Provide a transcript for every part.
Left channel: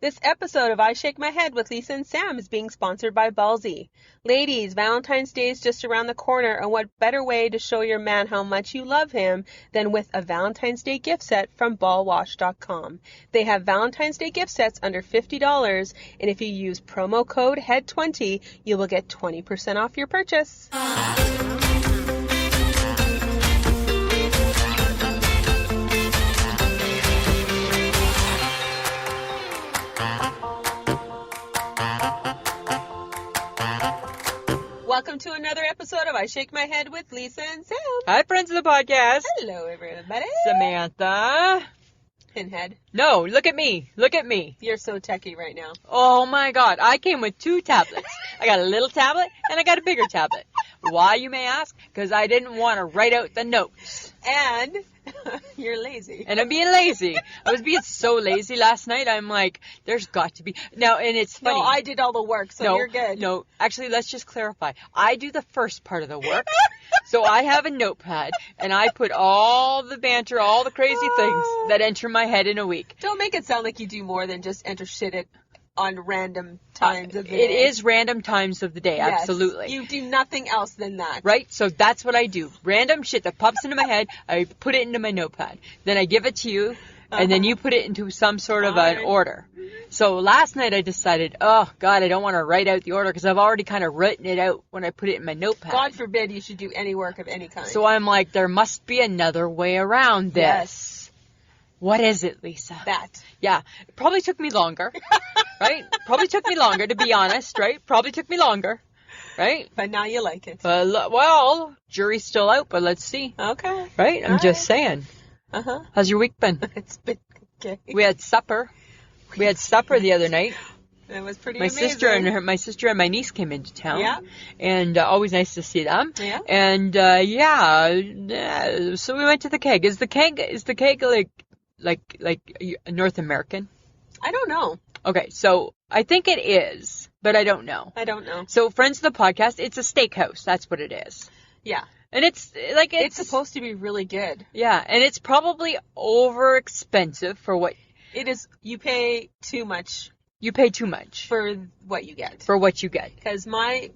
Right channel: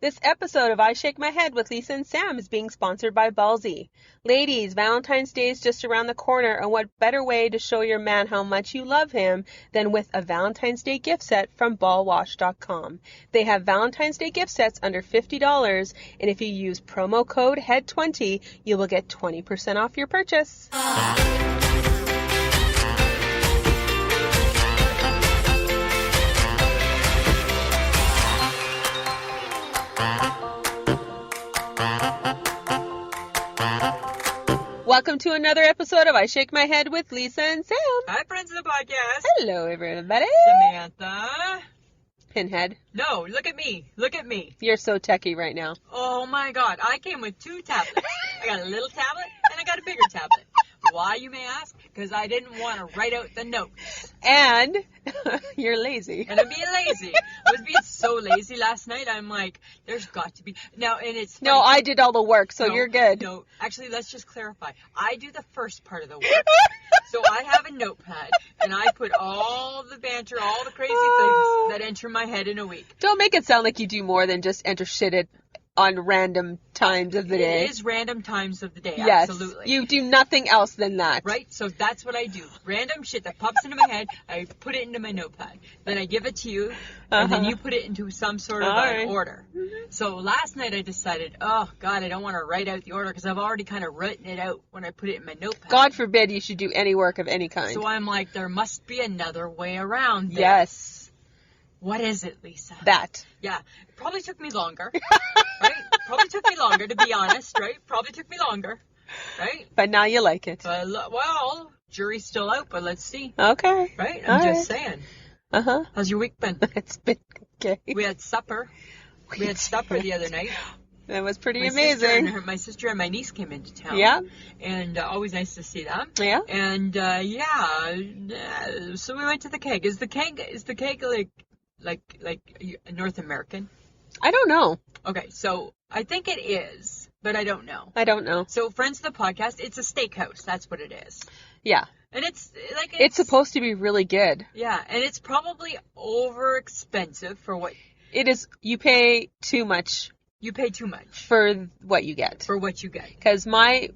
This episode of I Shake My Head with Lisa and Sam is being sponsored by Ballsy. Ladies, Valentine's Day is just around the corner, and what better way to show your man how much you love him than with a Valentine's Day gift set from ballwash.com. They have Valentine's Day gift sets under $50, and if you use promo code HEAD20, you will get 20% off your purchase. Welcome to another episode of I Shake My Head with Lisa and Sam. Hi, friends of the podcast. Hello, everybody. Samantha. Pinhead. No, look at me. Look at me. You're so techie right now. Oh, my God. I came with two tablets. I got a little tablet and I got a bigger tablet. Why, you may ask? Because I didn't want to write out the notes. And you're lazy. And I'm being lazy. I was being so lazy last night. I'm like, there's got to be. Now, and it's funny. No, I did all the work, so you're good. No, actually, let's just clarify. I do the first part of the work. So I have a notepad, and I put all the banter, all the crazy things that enter my head in a week. Don't make it sound like you do more than just enter shit on random times of the day. It is random times of the day, yes, absolutely. You do nothing else than that. Right? So that's what I do. Random shit that pops into my head, I put it into my notepad. Then I give it to you, and then you put it into some sort of an order. So last night I decided, oh, God, I don't want to write out the order because I've already kind of written it out when I put it in my notepad. God forbid you should do any work of any kind. So I'm like, there must be another way around this. Yes. What is it, Lisa? That. Yeah. It probably took me longer. Right? Probably took me longer, to be honest, right? Probably took me longer, right? But now you like it. Well, jury's still out, but let's see. Okay. Right? I'm just saying. Uh-huh. How's your week been? It's been okay. We had supper. We had supper the other night. That was pretty my amazing. My sister and my niece came into town. Yeah. And always nice to see them. Yeah. And, so we went to the keg. Is the keg like North American? I don't know. Okay, so I think it is, but I don't know. I don't know. So, friends of the podcast, it's a steakhouse. That's what it is. Yeah. And it's supposed to be really good. Yeah, and it's probably over expensive for what it is. You pay too much. You pay too much for what you get. Because my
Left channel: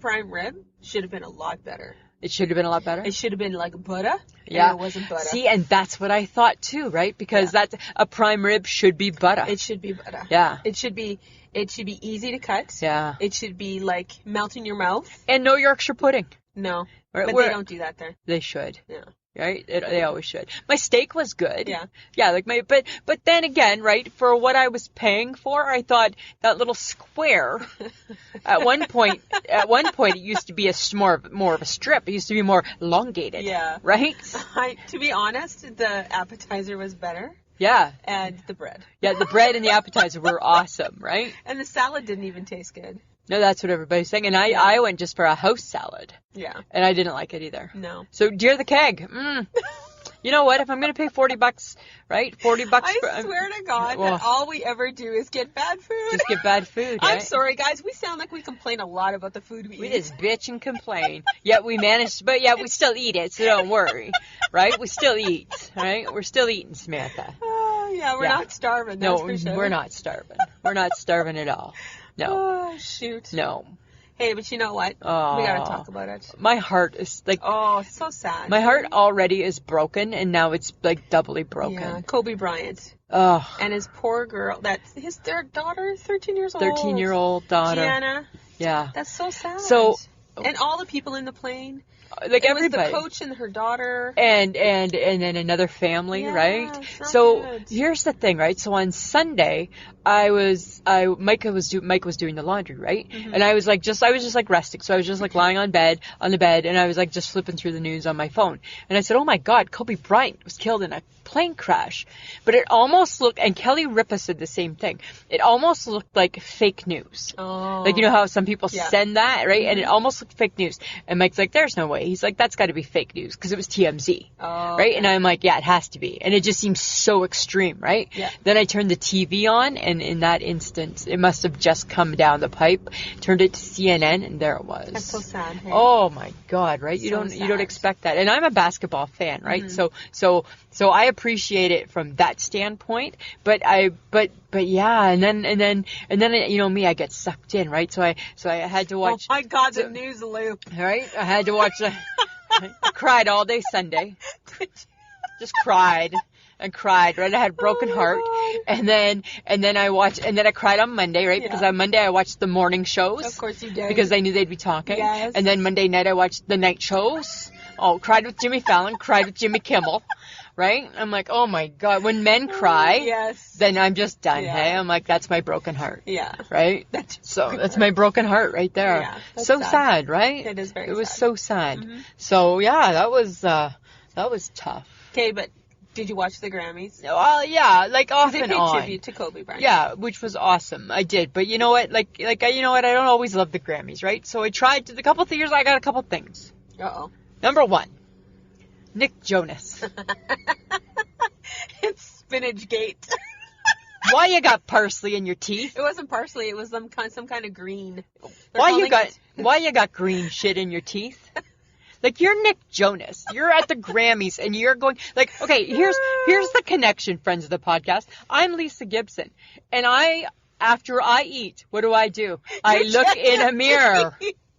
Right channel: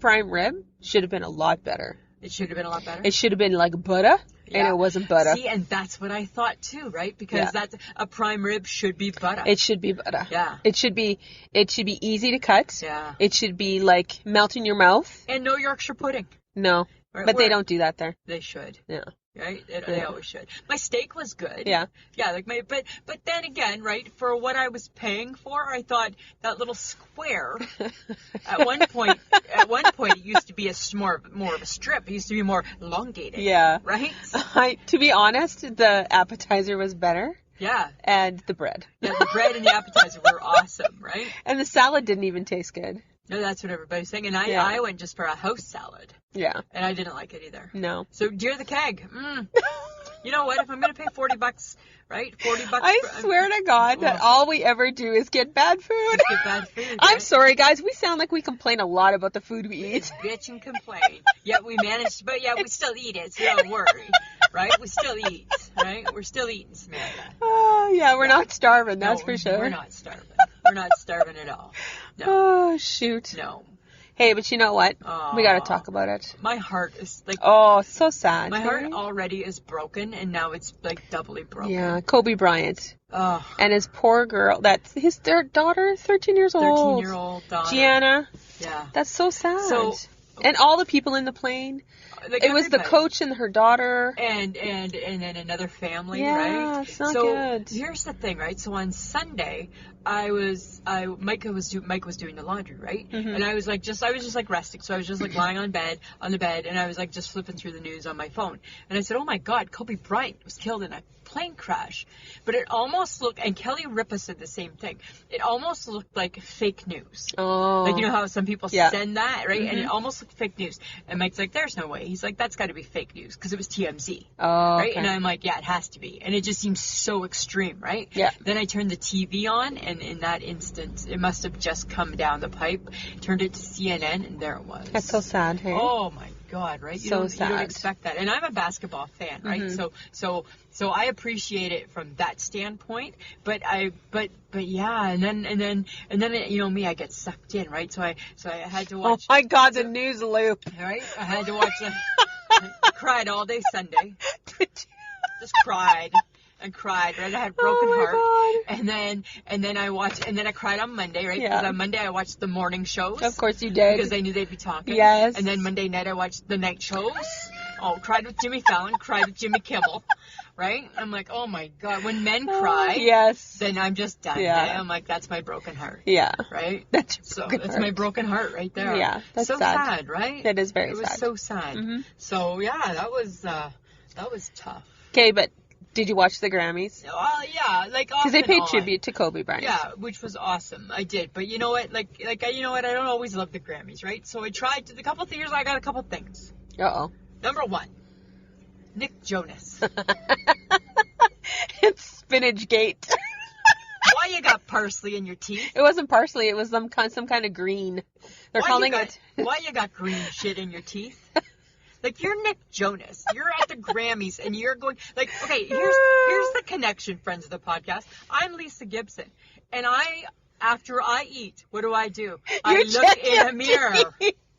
prime rib should have been a lot better. It should have been a lot better? It should have been like butter. Yeah. And it wasn't butter. See, and that's what I thought too, right? Because that's a prime rib should be butter. It should be butter. Yeah. It should be easy to cut. Yeah. It should be like melt in your mouth. And no Yorkshire pudding. No. Right? But they don't do that there. They should. Yeah. Right? They always should. My steak was good. Yeah. Yeah, but then again, right, for what I was paying for, I thought that little square at one point it used to be more of a strip. It used to be more elongated. Yeah. Right? To be honest, the appetizer was better. Yeah. And the bread. Yeah, the bread and the appetizer were awesome, right? And the salad didn't even taste good. No, that's what everybody's saying. And I went just for a house salad. Yeah. And I didn't like it either. No. So, dear the keg. You know what? If I'm going to pay $40, right? $40. I swear to God that all we ever do is get bad food. Just get bad food. I'm sorry, guys. We sound like we complain a lot about the food we eat. We just bitch and complain. Yet we manage, but we still eat it, so don't worry. Right? We still eat, right? We're still eting, Samantha. Oh, yeah. We're not starving, that's for sure. We're not starving. We're not starving at all. No. Oh, shoot. No. Hey, but you know what? We got to talk about it. My heart is like... Oh, it's so sad. My heart already is broken, and now it's like doubly broken. Yeah, Kobe Bryant. Oh. And his poor girl, their daughter, 13 years old. 13-year-old daughter. Gianna. Yeah. That's so sad. So... And all the people in the plane. Like it was the coach and her daughter. And then another family, right? It's not so good. Here's the thing, right? So on Sunday, Mike was doing the laundry, right? Mm-hmm. And I was just like resting. So I was just like lying on the bed, and I was like just flipping through the news on my phone. And I said, "Oh my God, Kobe Bryant was killed in a plane crash." But it almost looked, and Kelly Ripa said the same thing. It almost looked like fake news. Oh. Like, you know how some people send that, right? Mm-hmm. And it almost looked fake news. And Mike's like, "There's no way." He's like, "That's got to be fake news," because it was TMZ. Oh. Right? Okay. And I'm like, yeah, it has to be. And it just seems so extreme, right? Yeah. Then I turned the TV on, and in that instant, it must have just come down the pipe. Turned it to CNN, and there it was. That's so sad, hey? Oh my God, right? You So don't sad. expect that. And I'm a basketball fan, right? Mm-hmm. So So I appreciate it from that standpoint, but yeah, and then you know me, I get sucked in, right? So I had to watch. Oh my God, the news loop. Right? I had to watch. I cried all day Sunday. Just cried and cried. Right? I had a broken heart, and then I cried on Monday, right? Yeah. Because on Monday I watched the morning shows. Of course you did. Because I knew they'd be talking. Yes. And then Monday night I watched the night shows. Oh, cried with Jimmy Fallon, cried with Jimmy Kimmel. Right? I'm like, oh my God, when men cry, yes, then I'm just done. Yeah. Hey? I'm like, that's my broken heart. Yeah. Right? That's my broken heart right there. Yeah. That's so sad, right? It is very sad. It was so sad. Mm-hmm. So yeah, that was tough. Okay, but did you watch the Grammys? Well, yeah, like off Because they and paid on. tribute to Kobe Bryant. Yeah, which was awesome. I did, but you know what? You know what? I don't always love the Grammys, right? So I tried to. A couple of years, I got a couple things. Uh-oh. Number one, Nick Jonas. It's Spinach Gate. Why you got parsley in your teeth? It wasn't parsley. It was some kind of green. Why you got green shit in your teeth? Like, you're Nick Jonas. You're at the Grammys and you're going, like, okay, here's the connection, friends of the podcast. I'm Lisa Gibson. And after I eat, what do? I look in a mirror.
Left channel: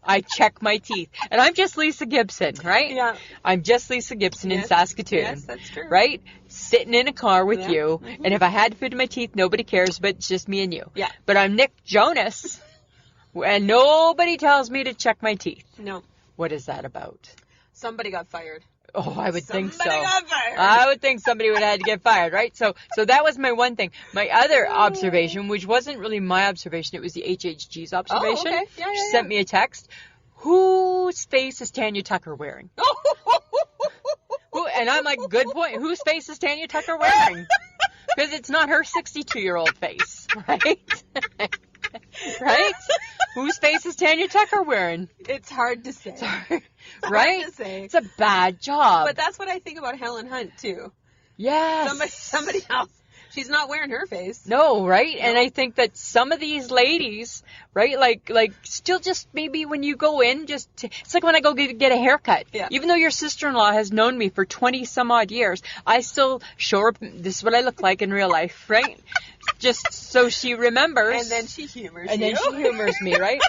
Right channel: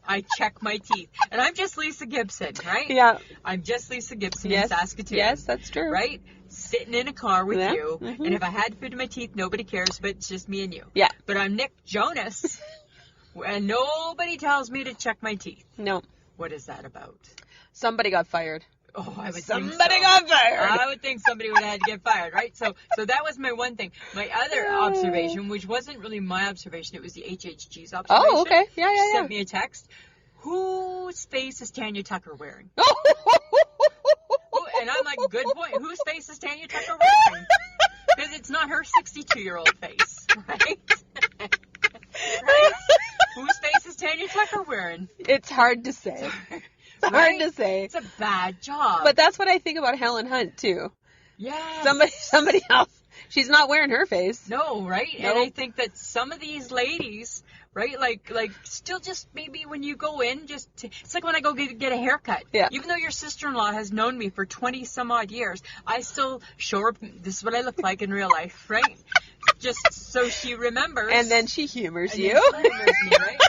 I check my teeth. And I'm just Lisa Gibson, right? Yeah. I'm just Lisa Gibson in Saskatoon. Yes, that's true. Right? Sitting in a car with you. Mm-hmm. And if I had food in my teeth, nobody cares, but it's just me and you. Yeah. But I'm Nick Jonas. And nobody tells me to check my teeth. No. What is that about? Somebody got fired. Oh, I would think so. Somebody got fired. I would think somebody would have had to get fired, right? So that was my one thing. My other observation, which wasn't really my observation, it was the HHG's observation. Oh, okay. Yeah. She sent me a text. Whose face is Tanya Tucker wearing? And I'm like, good point. Whose face is Tanya Tucker wearing? Because it's not her 62-year-old face, right? Right? Whose face is Tanya Tucker wearing? It's hard to say. Right? Hard to say. It's a bad job. But that's what I think about Helen Hunt, too. Yes. Somebody else. She's not wearing her face. No, right? No. And I think that some of these ladies, right, like still just maybe when you go in, it's like when I go get a haircut. Yeah. Even though your sister-in-law has known me for 20 some odd years, I still show her, this is what I look like in real life, right? Just so she remembers. And then she humors you. And then she humors me, right?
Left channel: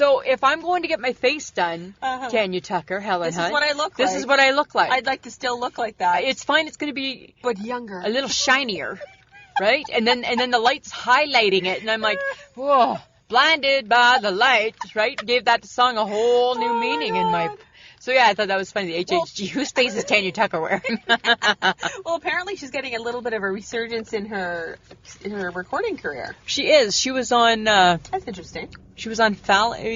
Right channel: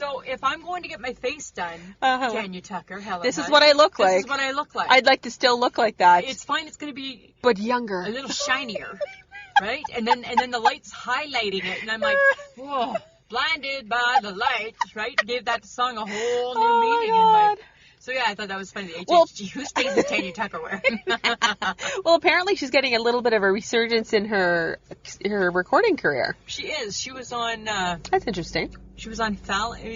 So if I'm going to get my face done, Tanya Tucker, Helen This Hunt, is what I look like. This is what I look like. I'd like to still look like that. It's fine. It's going to be but younger. a little shinier, right? And then the light's highlighting it, and I'm like, whoa, blinded by the light, right? Gave that song a whole new meaning in my. So yeah, I thought that was funny. The HHG, whose face is Tanya Tucker wearing? Well, apparently she's getting a little bit of a resurgence in her recording career. She is. She was on. That's interesting. She was on Ellen.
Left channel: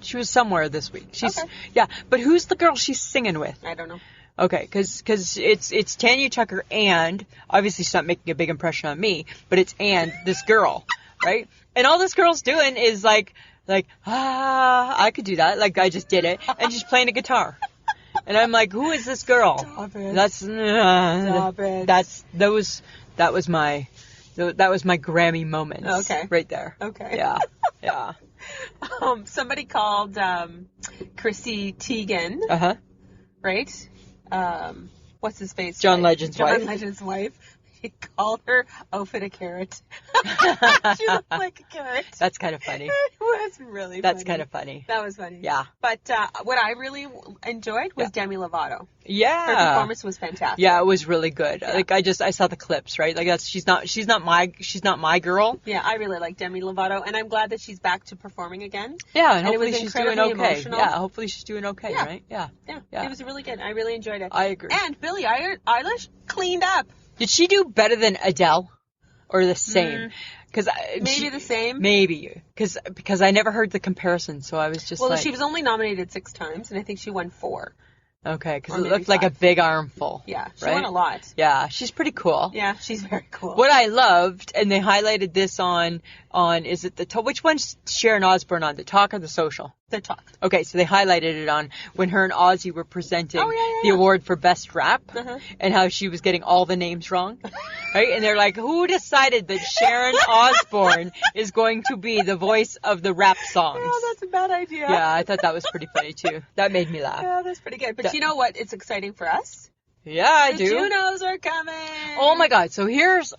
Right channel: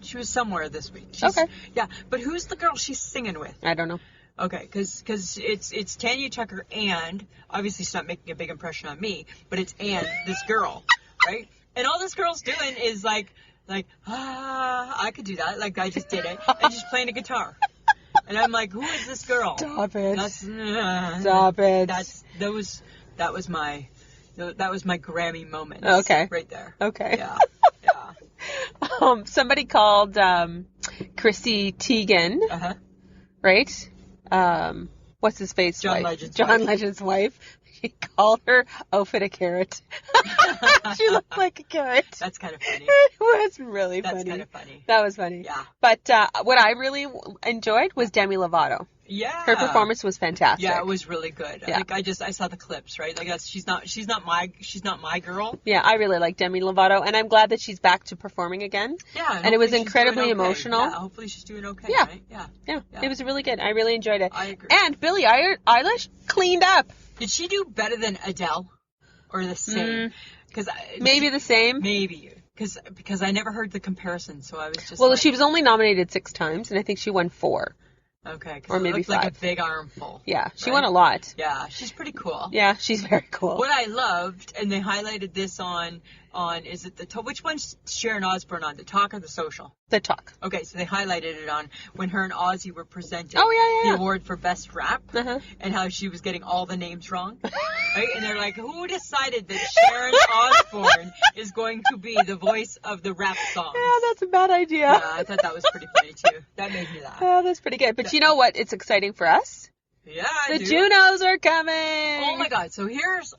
She was somewhere this week. Okay. Yeah, but who's the girl she's singing with? I don't know. Okay, because it's Tanya Tucker and, obviously she's not making a big impression on me, but it's this girl, right? And all this girl's doing is like, I could do that. Like, I just did it. And she's playing a guitar. And I'm like, who is this girl? Stop it. Stop it. That was my Grammy moment. Okay. Right there. Okay. Yeah. Yeah. Somebody called Chrissy Teigen. Uh-huh. Right? What's his face? John Legend's wife. John Legend's wife. He called her outfit a carrot. She looked like a carrot. That's kind of funny. It was really funny. That's kind of funny. That was funny. Yeah. But what I really enjoyed was Demi Lovato. Yeah. Her performance was fantastic. Yeah, it was really good. Yeah. Like I saw the clips, right? Like she's not my girl. Yeah, I really like Demi Lovato, and I'm glad that she's back to performing again. Yeah, and it was incredibly emotional. Yeah, hopefully she's doing okay, yeah. Right? Yeah. Yeah. It was really good. I really enjoyed it. I agree. And Billie Eilish cleaned up. Did she do better than Adele, or the same? Because maybe the same. Maybe because I never heard the comparison, so I was just. Well, she was only nominated 6 times, and I think she won 4. Okay, because it looked like a big armful. Yeah, she won a lot. Yeah, she's pretty cool. Yeah, she's very cool. What I loved, and they highlighted this on is it which one's Sharon Osbourne on, The Talk or The Social? The Talk. Okay, so they highlighted it on when her and Ozzy were presenting the award for Best Rap, and how she was getting all the names wrong. Right? And they're like, who decided that Sharon Osbourne is going to be the voice of the rap songs? Yeah, that's a bad idea. Yeah, I thought that was pretty funny too. That made me laugh. Yeah, that's pretty good. But you know what? It's exciting for us. Yeah, I The do. Junos are coming. Oh my God. So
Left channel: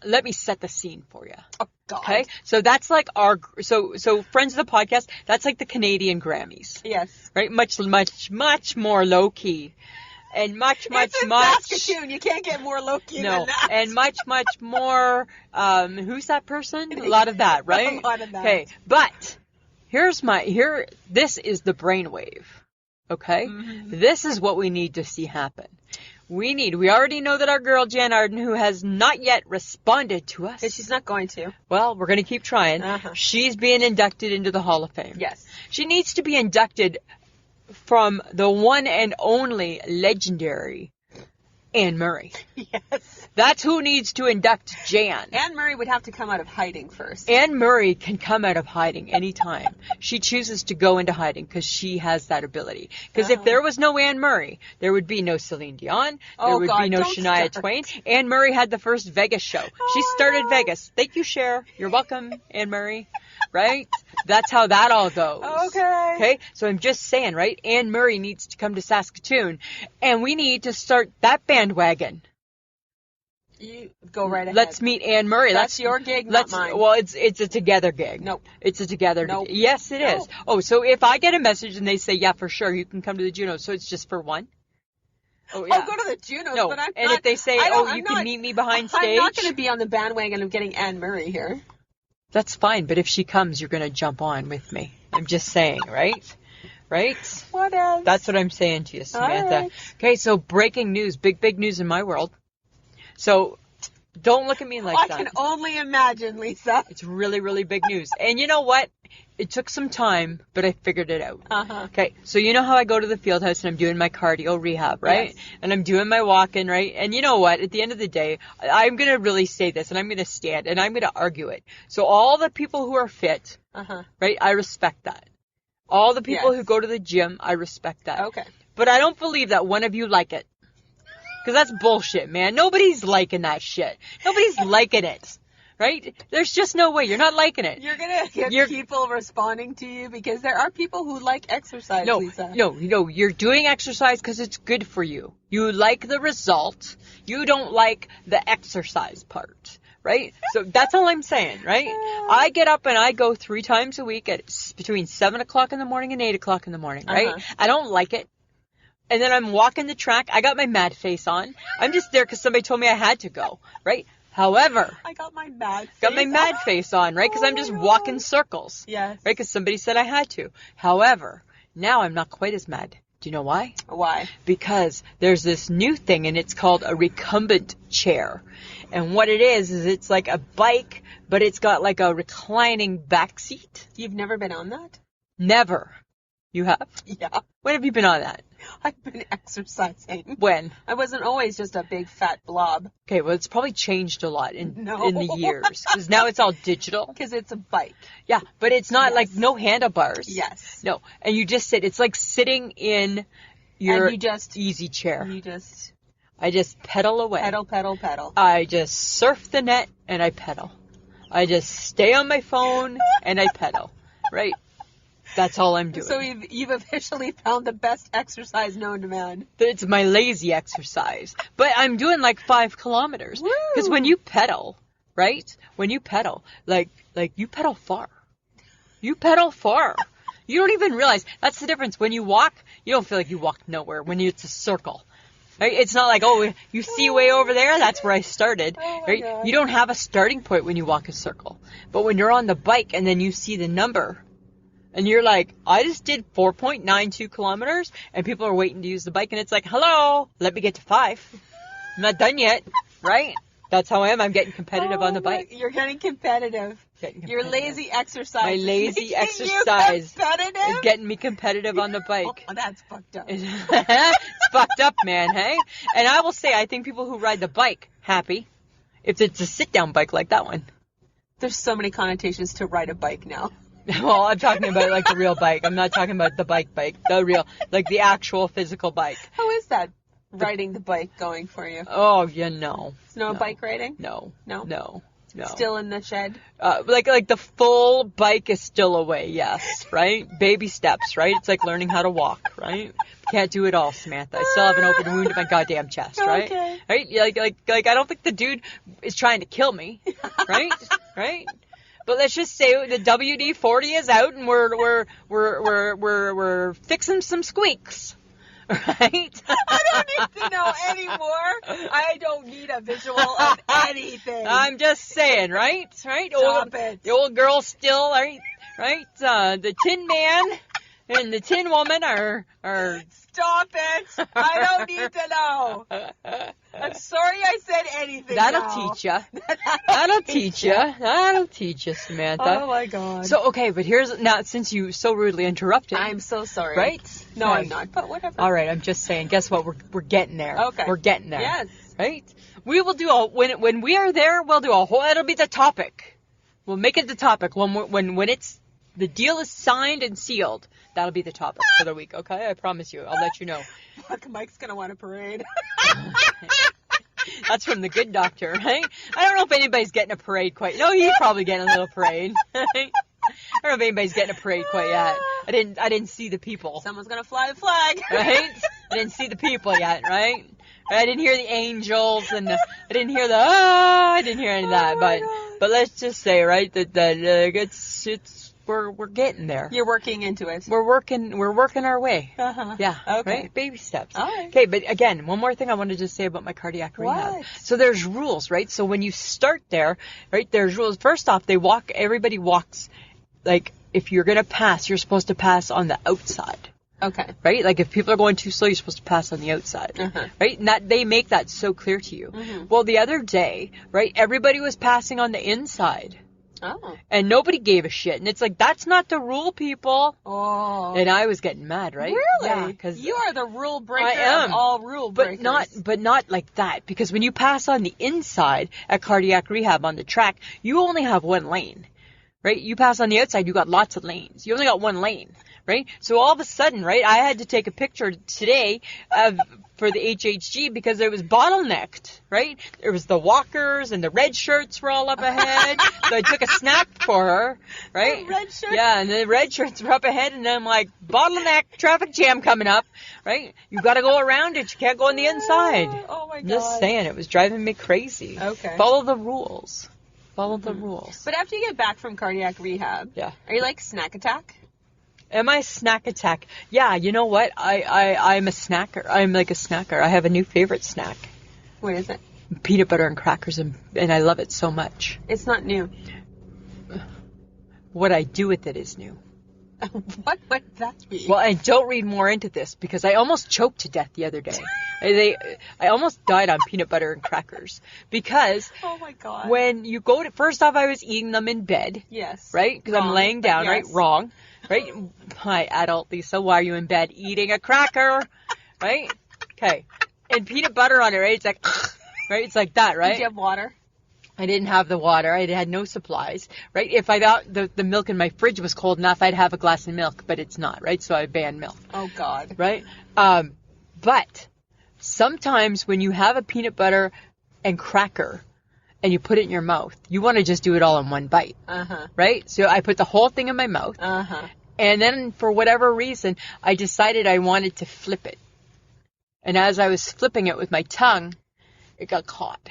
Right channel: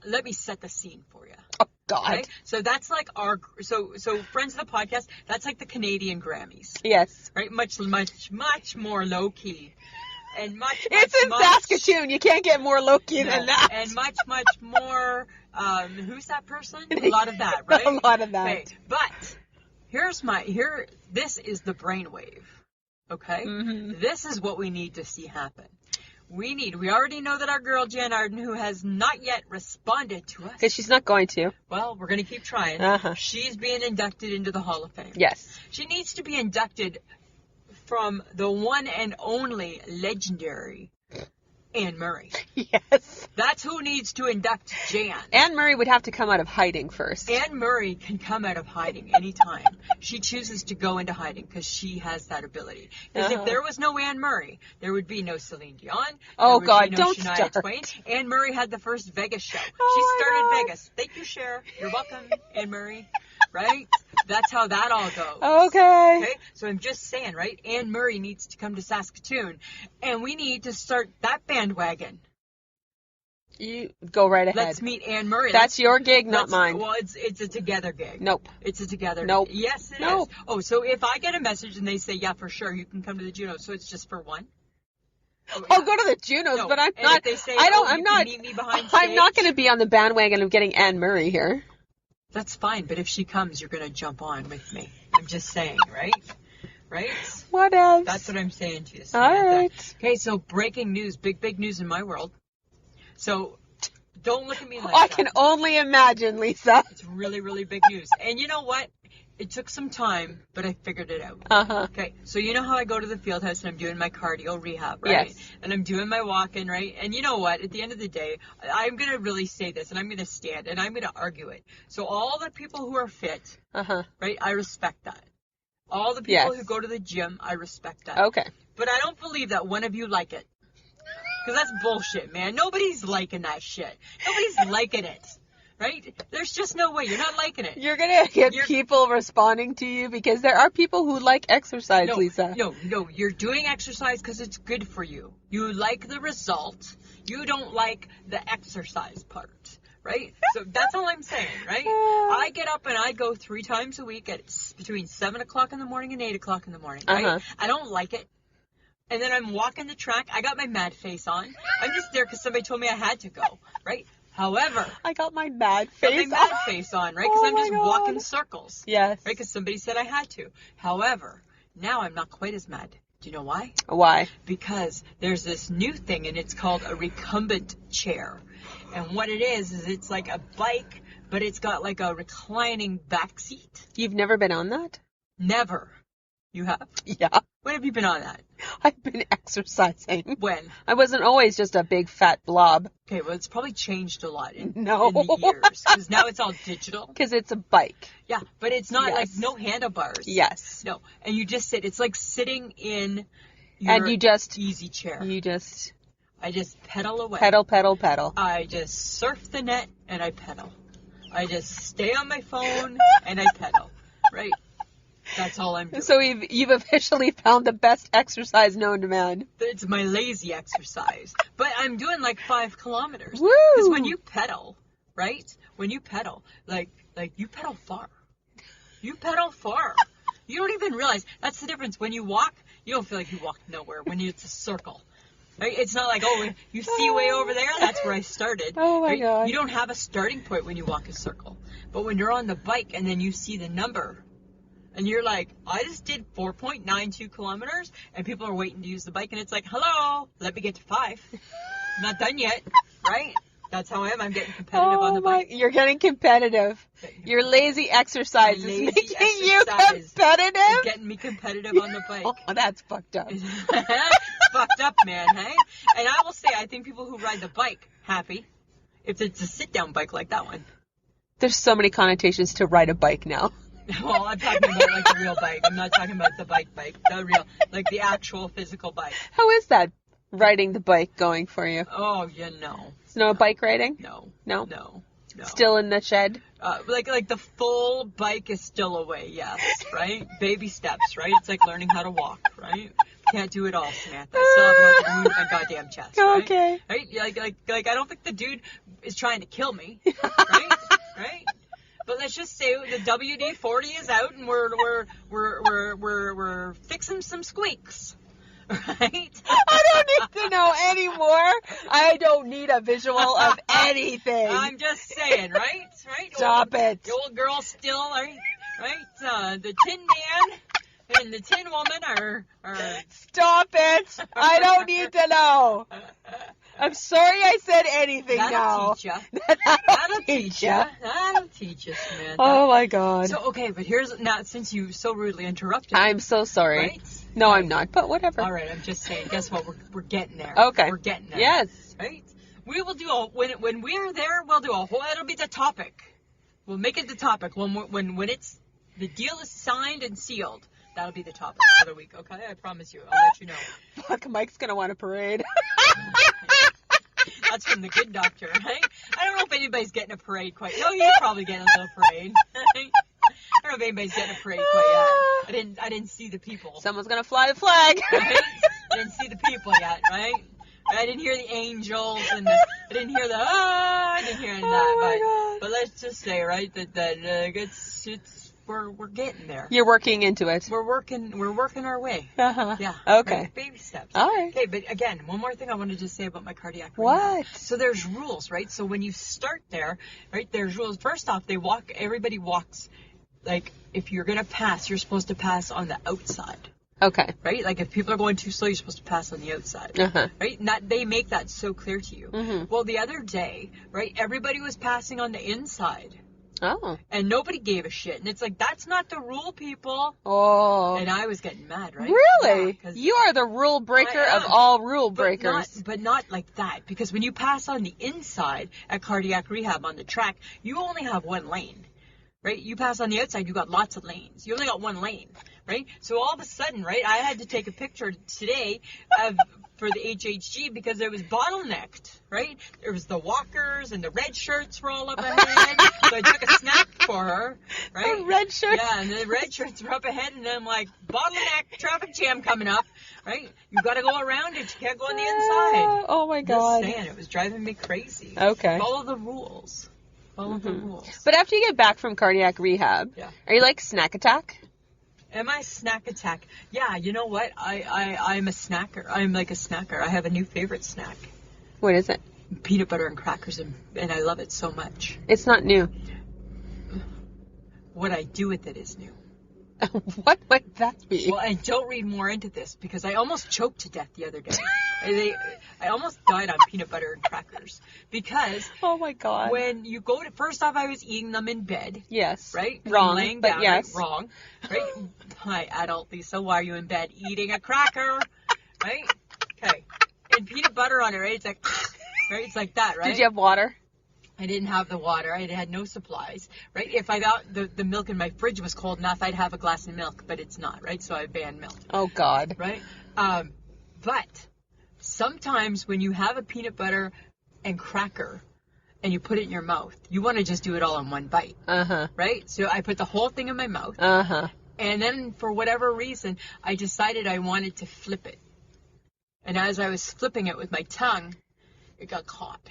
let me set the scene for you. Oh God. Okay. So that's like so friends of the podcast, that's like the Canadian Grammys. Yes. Right? Much more low key. And much It's in Saskatoon. You can't get more low-key than that. And much more, who's that person? A lot of that, right? A lot of that. Okay, but this is the brainwave, okay? Mm-hmm. This is what we need to see happen. We already know that our girl Jan Arden, who has not yet responded to us. Because she's not going to. Well, we're going to keep trying. Uh-huh. She's being inducted into the Hall of Fame. Yes. She needs to be inducted from the one and only legendary Anne Murray. Yes. That's who needs to induct Jan. Anne Murray would have to come out of hiding first. Anne Murray can come out of hiding anytime. She chooses to go into hiding because she has that ability. Because if there was no Anne Murray, there would be no Celine Dion. There would be no Shania Twain. Anne Murray had the first Vegas show. She started Vegas. Thank you, Cher. You're welcome, Anne Murray. Right? That's how that all goes. Okay. So I'm just saying, right? Anne Murray needs to come to Saskatoon, and we need to start that bandwagon. You go right ahead. Let's meet Anne Murray. That's your gig, not mine. Well, it's a together gig. Nope. It's a together Nope. gig. Yes, it is. Oh, so if I get a message and they say, yeah, for sure, you can come to the Junos, so it's just for one? Oh, yeah. I'll go to the Junos, but I'm and not. If they say, you can meet me behind stage? I'm not going to be on the bandwagon of getting Anne Murray here. That's fine, but if she comes, you're going to jump on with me. I'm just saying, right? Right? What else? That's what I'm saying to you, Samantha. All right. Okay, so breaking news. Big news in my world. So don't look at me like that. I can only imagine, Lisa. It's really, really big news. And you know what? It took some time, but I figured it out. Uh-huh. Okay, so you know how I go to the field house and I'm doing my cardio rehab, right? Yes. And I'm doing my walking, right? And you know what? At the end of the day, I'm going to really say this, and I'm going to stand, and I'm going to argue it. So all the people who are fit, right, I respect that. All the people who go to the gym, I respect that. Okay. But I don't believe that one of you like it. Because that's bullshit, man. Nobody's liking that shit. Nobody's liking it. Right? There's just no way. You're not liking it. You're going to get people responding to you because there are people who like exercise, Lisa. No. You're doing exercise because it's good for you. You like the result. You don't like the exercise part. Right? So that's all I'm saying, right? I get up and I go 3 times a week at between 7 o'clock in the morning and 8 o'clock in the morning, right? I don't like it. And then I'm walking the track. I got my mad face on. I'm just there because somebody told me I had to go, right? However, I got my mad face on, right? Because I'm just walking circles. Yes. Right? Because somebody said I had to. However, now I'm not quite as mad. Do you know why? Why? Because there's this new thing, and it's called a recumbent chair. And what it is it's like a bike, but it's got like a reclining back seat. You've never been on that? Never. You have? Yeah. When have you been on that? I've been exercising. When? I wasn't always just a big fat blob. Okay, well, it's probably changed a lot in the years. Because now it's all digital. Because it's a bike. Yeah, but it's not like no handlebars. Yes. No, and you just sit. It's like sitting in your easy chair. I just pedal away. Pedal. I just surf the net and I pedal. I just stay on my phone and I pedal. Right? That's all I'm doing. So you've officially found the best exercise known to man. It's my lazy exercise. But I'm doing like 5 kilometers. Woo! Because when you pedal, right? When you pedal, like you pedal far. You pedal far. You don't even realize. That's the difference. When you walk, you don't feel like you walked nowhere. When it's a circle. Right? It's not like, you see way over there? That's where I started. Oh, my God. You don't have a starting point when you walk a circle. But when you're on the bike and then you see the number, and you're like, I just did 4.92 kilometers, and people are waiting to use the bike, and it's like, hello, let me get to 5. I'm not done yet, right? That's how I am. I'm getting competitive on the bike. You're getting competitive. Your lazy exercise. My lazy exercise. You competitive? Is getting me competitive on the bike. Oh, that's fucked up. It's fucked up, man, hey? And I will say, I think people who ride the bike, happy, if it's a sit-down bike like that one. There's so many connotations to ride a bike now. Well, I'm talking about like the real bike. I'm not talking about the bike. The real, like the actual physical bike. How is that, riding the bike, going for you? Oh, yeah, no. No bike riding? No. Still in the shed? Like the full bike is still away, yes, right? Baby steps, right? It's like learning how to walk, right? Can't do it all, Samantha. I still have an open wound in my goddamn chest, right? Okay. Right? Like I don't think the dude is trying to kill me, right? Right? But let's just say the WD-40 is out and we're fixing some squeaks. Right? I don't need to know anymore. I don't need a visual of anything. I'm just saying, right? Right? Stop it. The old girl still, right? The Tin Man and the Tin Woman are. Stop it. I don't need to know. I'm sorry I said anything. That'll teach you. That'll teach you. That'll teach you, Samantha. Oh my God. So, okay, but now, since you so rudely interrupted. I'm so sorry. Right? No, I'm not, but whatever. All right, I'm just saying, guess what? We're getting there. Okay. We're getting there. Yes. Right? We will do when we are there, we'll do a whole, it'll be the topic. We'll make it the topic. When it's, the deal is signed and sealed, that'll be the topic for the week, okay? I promise you. I'll let you know. Fuck, Mike's gonna want a parade. That's from the Good Doctor, right? I don't know if anybody's getting a parade quite. No, he's probably getting a little parade. Right? I don't know if anybody's getting a parade quite yet. I didn't see the people. Someone's gonna fly the flag. Right? I didn't see the people yet, right? I didn't hear the angels and I didn't hear I didn't hear any of that. But let's just say, right, that we're getting there. You're working into it. We're working our way. Uh-huh. Yeah. Okay. Right? Baby steps. All right. Okay, but again, one more thing I wanted to say about my cardiac rehab. What? So there's rules, right? So when you start there, right, there's rules. First off, everybody walks, like, if you're going to pass, you're supposed to pass on the outside. Okay. Right? Like, if people are going too slow, you're supposed to pass on the outside. Uh-huh. Right? And they make that so clear to you. Mm-hmm. Well, the other day, right, everybody was passing on the inside. Oh. And nobody gave a shit. And it's like, that's not the rule, people. Oh. And I was getting mad, right? Really? Yeah, 'cause you are the rule breaker I am. of all rule breakers. But not like that. Because when you pass on the inside at cardiac rehab on the track, you only have one lane. Right? You pass on the outside, you got lots of lanes. You only got one lane. Right? So all of a sudden, right, I had to take a picture today for the HHG because it was bottlenecked, right? There was the walkers and the red shirts were all up ahead. So I took a snap for her, right? The red shirts? Yeah, and the red shirts were up ahead, and then I'm like, bottleneck, traffic jam coming up, right? You got to go around it. You can't go on the inside. Oh my God. Just saying, it was driving me crazy. Okay. Follow the rules. Follow the rules. But after you get back from cardiac rehab, Yeah. are you like snack attack? Am I snack attack? Yeah, you know what? I'm a snacker. I'm like a snacker. I have a new favorite snack. What is it? Peanut butter and crackers, and I love it so much. It's not new. What I do with it is new. What might that be? Well, and don't read more into this because I almost choked to death the other day. I almost died on peanut butter and crackers because oh my God. when you go to, first off, I was eating them in bed. Yes. Right? 'Cause Wrong, I'm laying but down, yes. right? Wrong. Right? Hi, adult Lisa, why are you in bed eating a cracker? Right? Okay. And peanut butter on it, right? It's like, right? It's like that, right? Did you have water? I didn't have the water. I had no supplies, right? If I thought the milk in my fridge was cold enough, I'd have a glass of milk, but it's not, right? So I banned milk. Oh, God. Right? But sometimes when you have a peanut butter and cracker and you put it in your mouth, you want to just do it all in one bite. Uh-huh. Right? So I put the whole thing in my mouth. Uh-huh. And then for whatever reason, I decided I wanted to flip it. And as I was flipping it with my tongue, it got caught.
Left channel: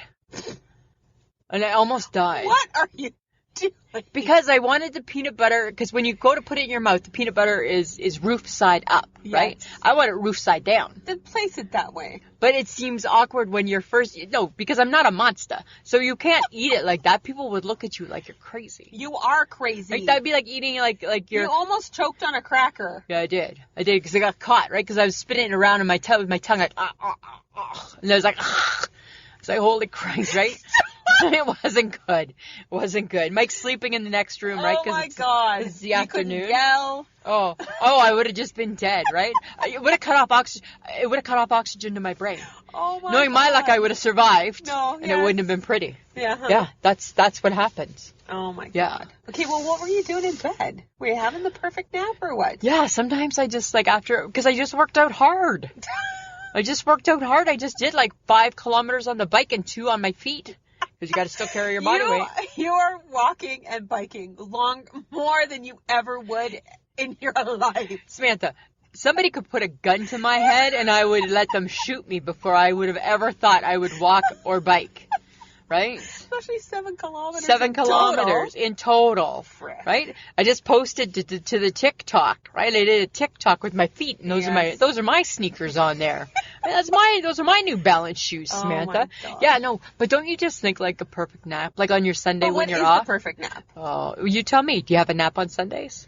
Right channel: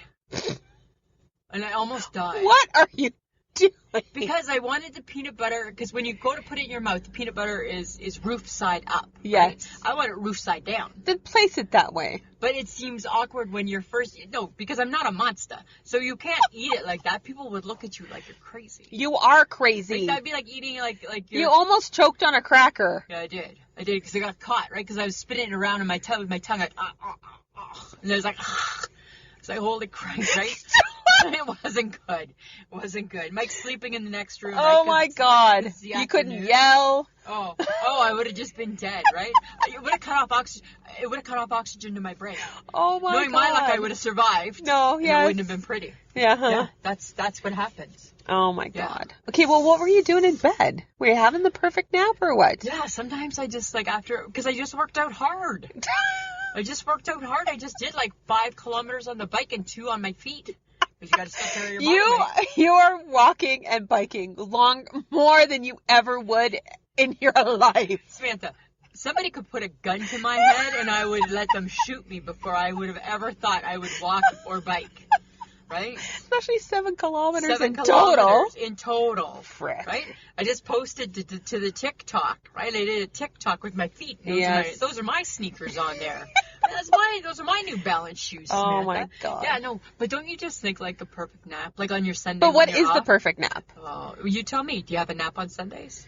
And I almost died. What are you doing? Because I wanted the peanut butter, because when you go to put it in your mouth, the peanut butter is roof side up, right? Yes. I want it roof side down. Then place it that way. But it seems awkward when you're because I'm not a monster. So you can't eat it like that. People would look at you like you're crazy. You are crazy. Like, that'd be like eating like you're... You almost choked on a cracker. Yeah, I did because I got caught, right? Because I was spitting it around in my with my tongue like, and I was like, it's like, holy Christ, right? It wasn't good. It wasn't good. Mike's sleeping in the next room, right? Oh my God. It's the you afternoon. couldn't yell. Oh, I would have just been dead, right? It would have cut off oxygen. It would have cut off oxygen to my brain. Oh my Knowing God. my luck, I would have survived. No, and yes. it wouldn't have been pretty. Yeah. Huh? Yeah, that's what happens. Oh my Yeah. God. Okay, well, what were you doing in bed? Were you having the perfect nap or what? Yeah, sometimes I just because I just worked out hard. I just did like 5 kilometers on the bike and 2 on my feet. Because you got to still carry your body weight. You are walking and biking more than you ever would in your life. Samantha, somebody could put a gun to my head and I would let them shoot me before I would have ever thought I would walk or bike. Right? Especially 7 kilometers 7 kilometers in total. Frick. Right? I just posted to the TikTok, right? I did a TikTok with my feet, and those are my sneakers on there. Those are my New Balance shoes, Samantha. Oh my God. Yeah, no, but don't you just think like a perfect nap, like on your Sunday But when what you're is off? the perfect nap? Oh, you tell me. Do you have a nap on Sundays?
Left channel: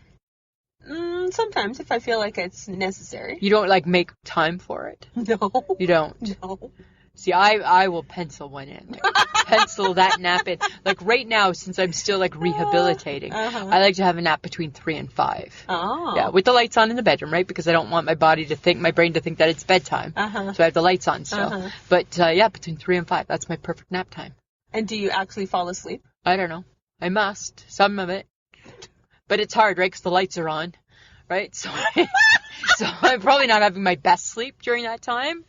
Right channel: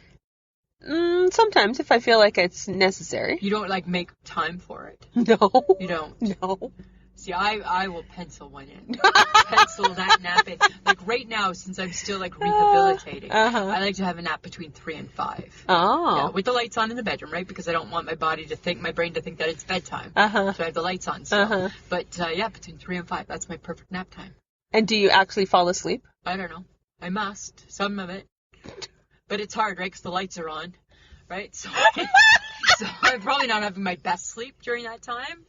Sometimes if I feel like it's necessary. You don't like make time for it? No. You don't? No. See, I will pencil one in. Pencil that nap in. Like right now, since I'm still like rehabilitating, I like to have a nap between 3 and 5. Oh. Yeah, with the lights on in the bedroom, right? Because I don't want my brain to think that it's bedtime. So I have the lights on still. But yeah, between 3 and 5, that's my perfect nap time. And do you actually fall asleep? I don't know. I must. Some of it. But it's hard, right? Because the lights are on, right? So I'm probably not having my best sleep during that time.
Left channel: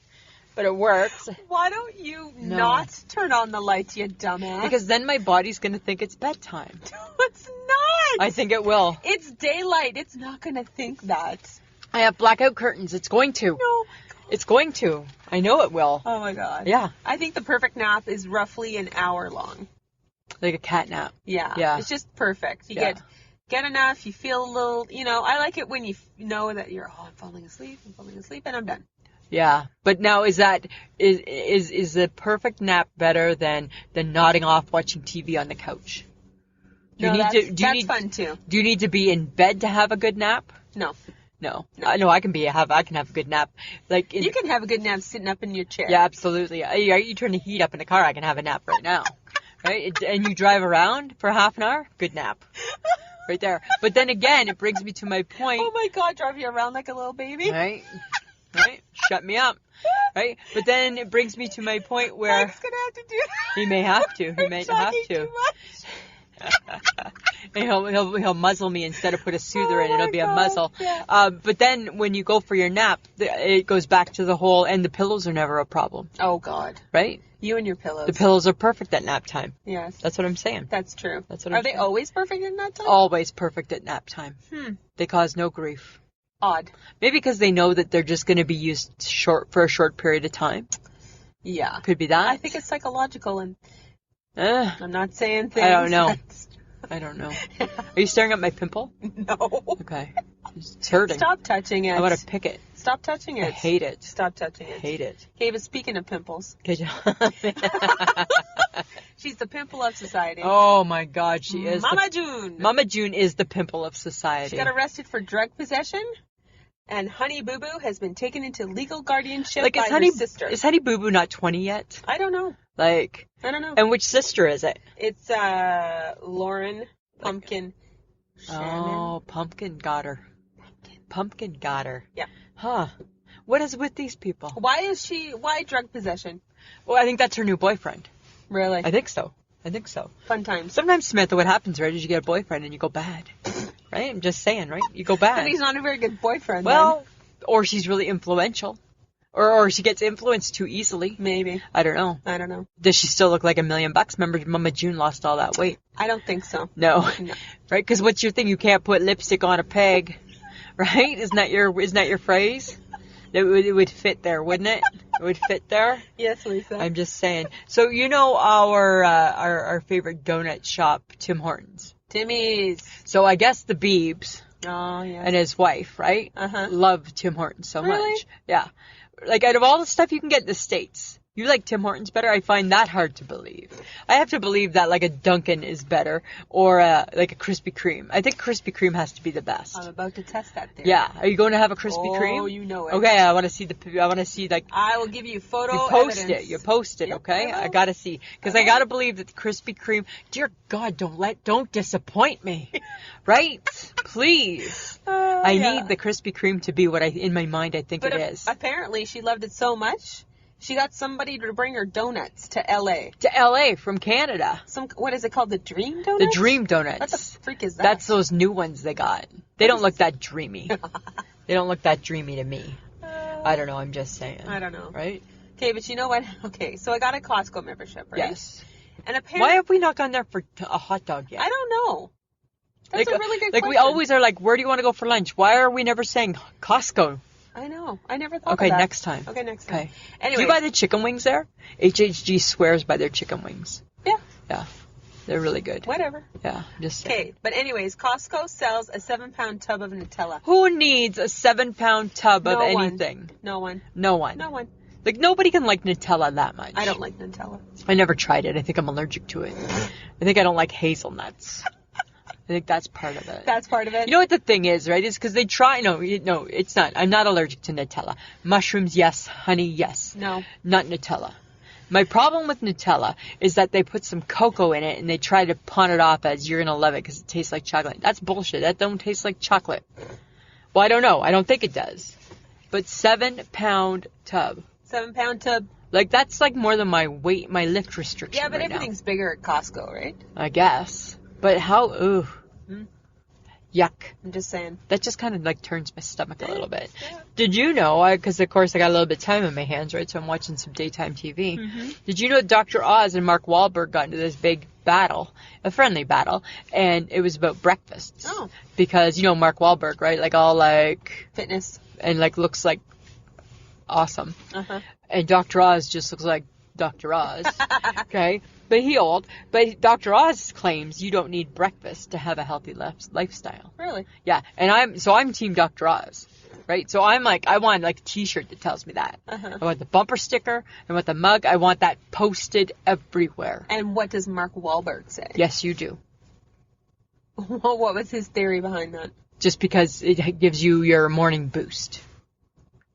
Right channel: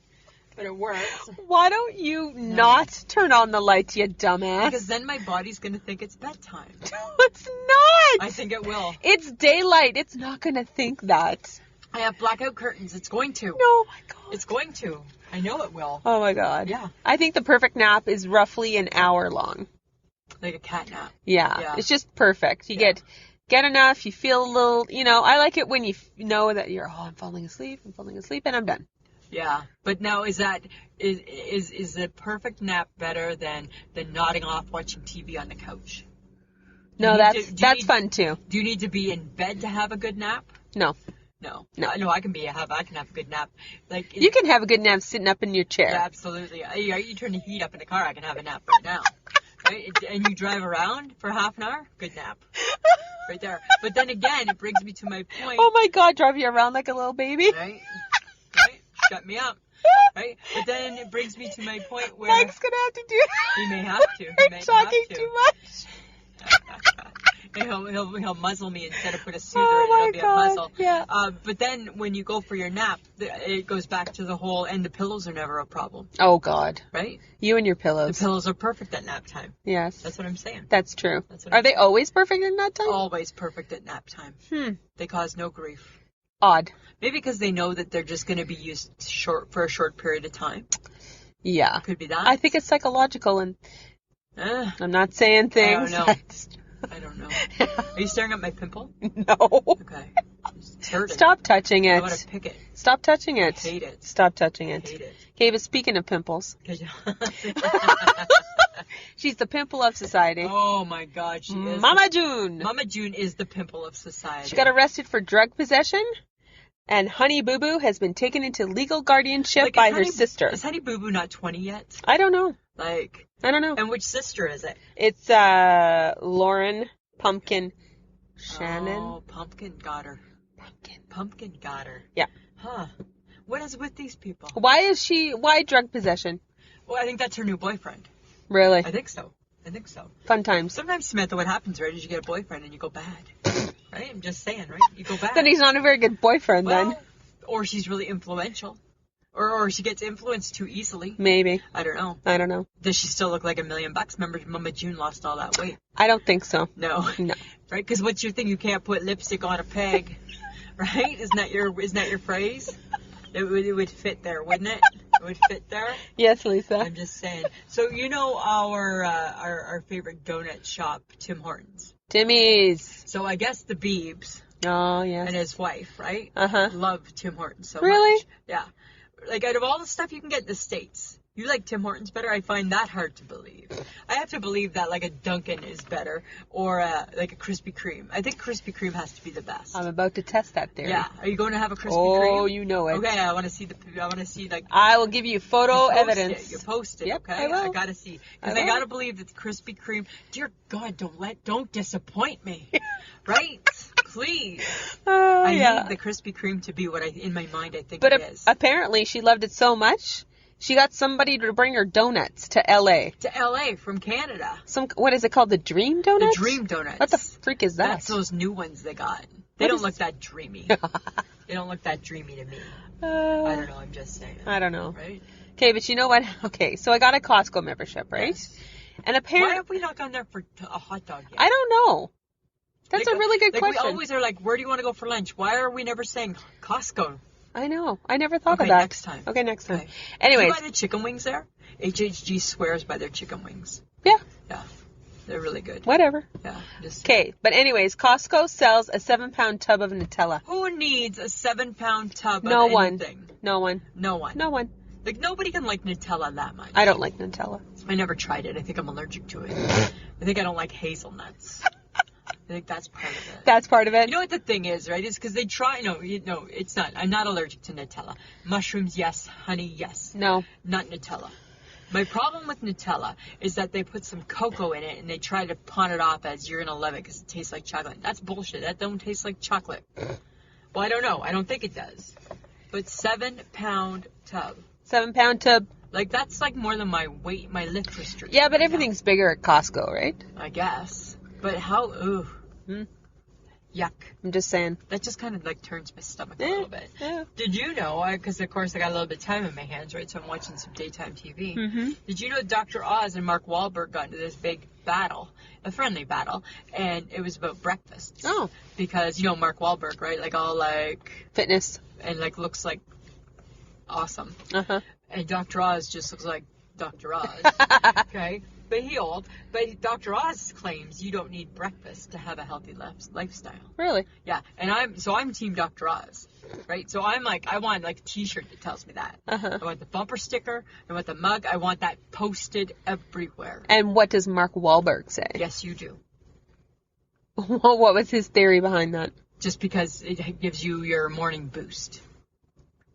But it works. Why don't you not turn on the lights, you dumbass? Because then my body's going to think it's bedtime. It's not. I think it will. It's daylight. It's not going to think that. I have blackout curtains. It's going to. Oh, my God. It's going to. I know it will. Oh, my God. Yeah. I think the perfect nap is roughly an hour long. Like a cat nap. Yeah. It's just perfect. You get enough. You feel a little, I like it when you know that I'm falling asleep, and I'm done. Yeah, but now is the perfect nap better than nodding off watching TV on the couch? No, that's fun too. Do you need to be in bed to have a good nap? No. I can have a good nap. Like you can have a good nap sitting up in your chair. Yeah, absolutely. You turn the heat up in the car. I can have a nap right now. Right? And you drive around for half an hour. Good nap. Right there. But then again, it brings me to my point. Oh my God, drive you around like a little baby. Right? Shut me up. Right? But then it brings me to my point where Mike's gonna have to do that. He may have to. He may have to. Too much. He'll muzzle me instead of put a soother in. It'll be a muzzle. Yeah. But then when you go for your nap, it goes back to the whole, and the pillows are never a problem. Oh God. Right? You and your pillows. The pillows are perfect at nap time. Yes. That's what I'm saying. That's true. Are they saying. Always perfect at nap time? Always perfect at nap time. They cause no grief. Odd. Maybe because they know that they're just going to be used for a short period of time. Yeah. Could be that. I think it's psychological, and I'm not saying things. I don't know. Are you staring at my pimple? No. Okay. It's hurting. Stop touching it. I want to pick it. Stop touching it. I hate it. Stop touching it. I hate it. Okay, but speaking of pimples. Okay. She's the pimple of society. Oh my God, she is. Mama June. Mama June is the pimple of society. She got arrested for drug possession, and Honey Boo Boo has been taken into legal guardianship by her sister. Is Honey Boo Boo not 20 yet? I don't know. I don't know. And which sister is it? It's Lauren Pumpkin Shannon. Oh, Pumpkin got her. Pumpkin got her. Yeah. Huh. What is with these people? Why drug possession? Well, I think that's her new boyfriend. Really? I think so. Fun times. Sometimes, Samantha, what happens, right, is you get a boyfriend and you go bad. Right? I'm just saying, right? You go bad. Then he's not a very good boyfriend, well, then. Or she's really influential. Or she gets influenced too easily. Maybe. I don't know. Does she still look like $1 million? Remember, Mama June lost all that weight. I don't think so. No. No. Right? Because what's your thing? You can't put lipstick on a peg. Right? Isn't that your phrase? It would fit there, wouldn't it? It would fit there. Yes, Lisa. I'm just saying. So you know our favorite donut shop, Tim Hortons. Timmy's. So I guess the Beebs. Oh, yes. And his wife, right? Love Tim Hortons so really? much. Yeah. Like, out of all the stuff you can get in the States, you like Tim Hortons better? I find that hard to believe. I have to believe that, like, a Dunkin' is better, or, like, a Krispy Kreme. I think Krispy Kreme has to be the best. I'm about to test that theory. Yeah. Are you going to have a Krispy Kreme? Oh, you know it. Okay, I want to see, like... I will give you photo evidence. You post it, yep, okay? I got to see. Because I got to believe that the Krispy Kreme... Dear God, don't disappoint me. Right? Please. I need the Krispy Kreme to be what in my mind I think it is. But apparently she loved it so much, she got somebody to bring her donuts to L.A. To L.A. from Canada. What is it called? The Dream Donuts? The Dream Donuts. What the freak is that? That's those new ones they got. They don't look that dreamy. They don't look that dreamy to me. I don't know. I'm just saying. I don't know. Right? Okay, but you know what? Okay, so I got a Costco membership, right? Yes. And apparently... Why have we not gone there for a hot dog yet? I don't know. That's a really good question. question. We always are like, where do you want to go for lunch? Why are we never saying Costco? I know. I never thought of that. Okay, next time. Okay, next time. Okay. Anyways. Do you buy the chicken wings there? HHG swears by their chicken wings. Yeah. Yeah. They're really good. Whatever. Yeah. Just okay. But anyways, Costco sells a 7-pound tub of Nutella. Who needs a 7-pound tub of anything? No one. No one. No one. Like, nobody can like Nutella that much. I don't like Nutella. I never tried it. I think I'm allergic to it. I think I don't like hazelnuts. I think that's part of it. That's part of it? You know what the thing is, right? Is because they try... No, it's not. I'm not allergic to Nutella. Mushrooms, yes. Honey, yes. No. Not Nutella. My problem with Nutella is that they put some cocoa in it and they try to pawn it off as you're going to love it because it tastes like chocolate. That's bullshit. That don't taste like chocolate. Well, I don't know. I don't think it does. But 7-pound tub. 7-pound tub. Like, that's like more than my weight, my lift restriction. Yeah, but right everything's bigger at Costco, right? I guess. But how... Ooh. Yuck. I'm just saying. That just kind of like turns my stomach a little bit. Yeah. Did you know, because of course I got a little bit of time on my hands, right? So I'm watching some daytime TV. Mm-hmm. Did you know Dr. Oz and Mark Wahlberg got into this big battle, a friendly battle, and it was about breakfasts. Oh. Because, you know, Mark Wahlberg, right? Like all like... Fitness. And like looks like awesome. Uh-huh. And Dr. Oz just looks like Dr. Oz. Okay? But he old. But Dr. Oz claims you don't need breakfast to have a healthy lifestyle. Really? Yeah. And I'm Team Dr. Oz. Right? So I'm like, I want like a t-shirt that tells me that. Uh-huh. I want the bumper sticker. I want the mug. I want that posted everywhere. And what does Mark Wahlberg say? Yes, you do. Well, what was his theory behind that? Just because it gives you your morning boost.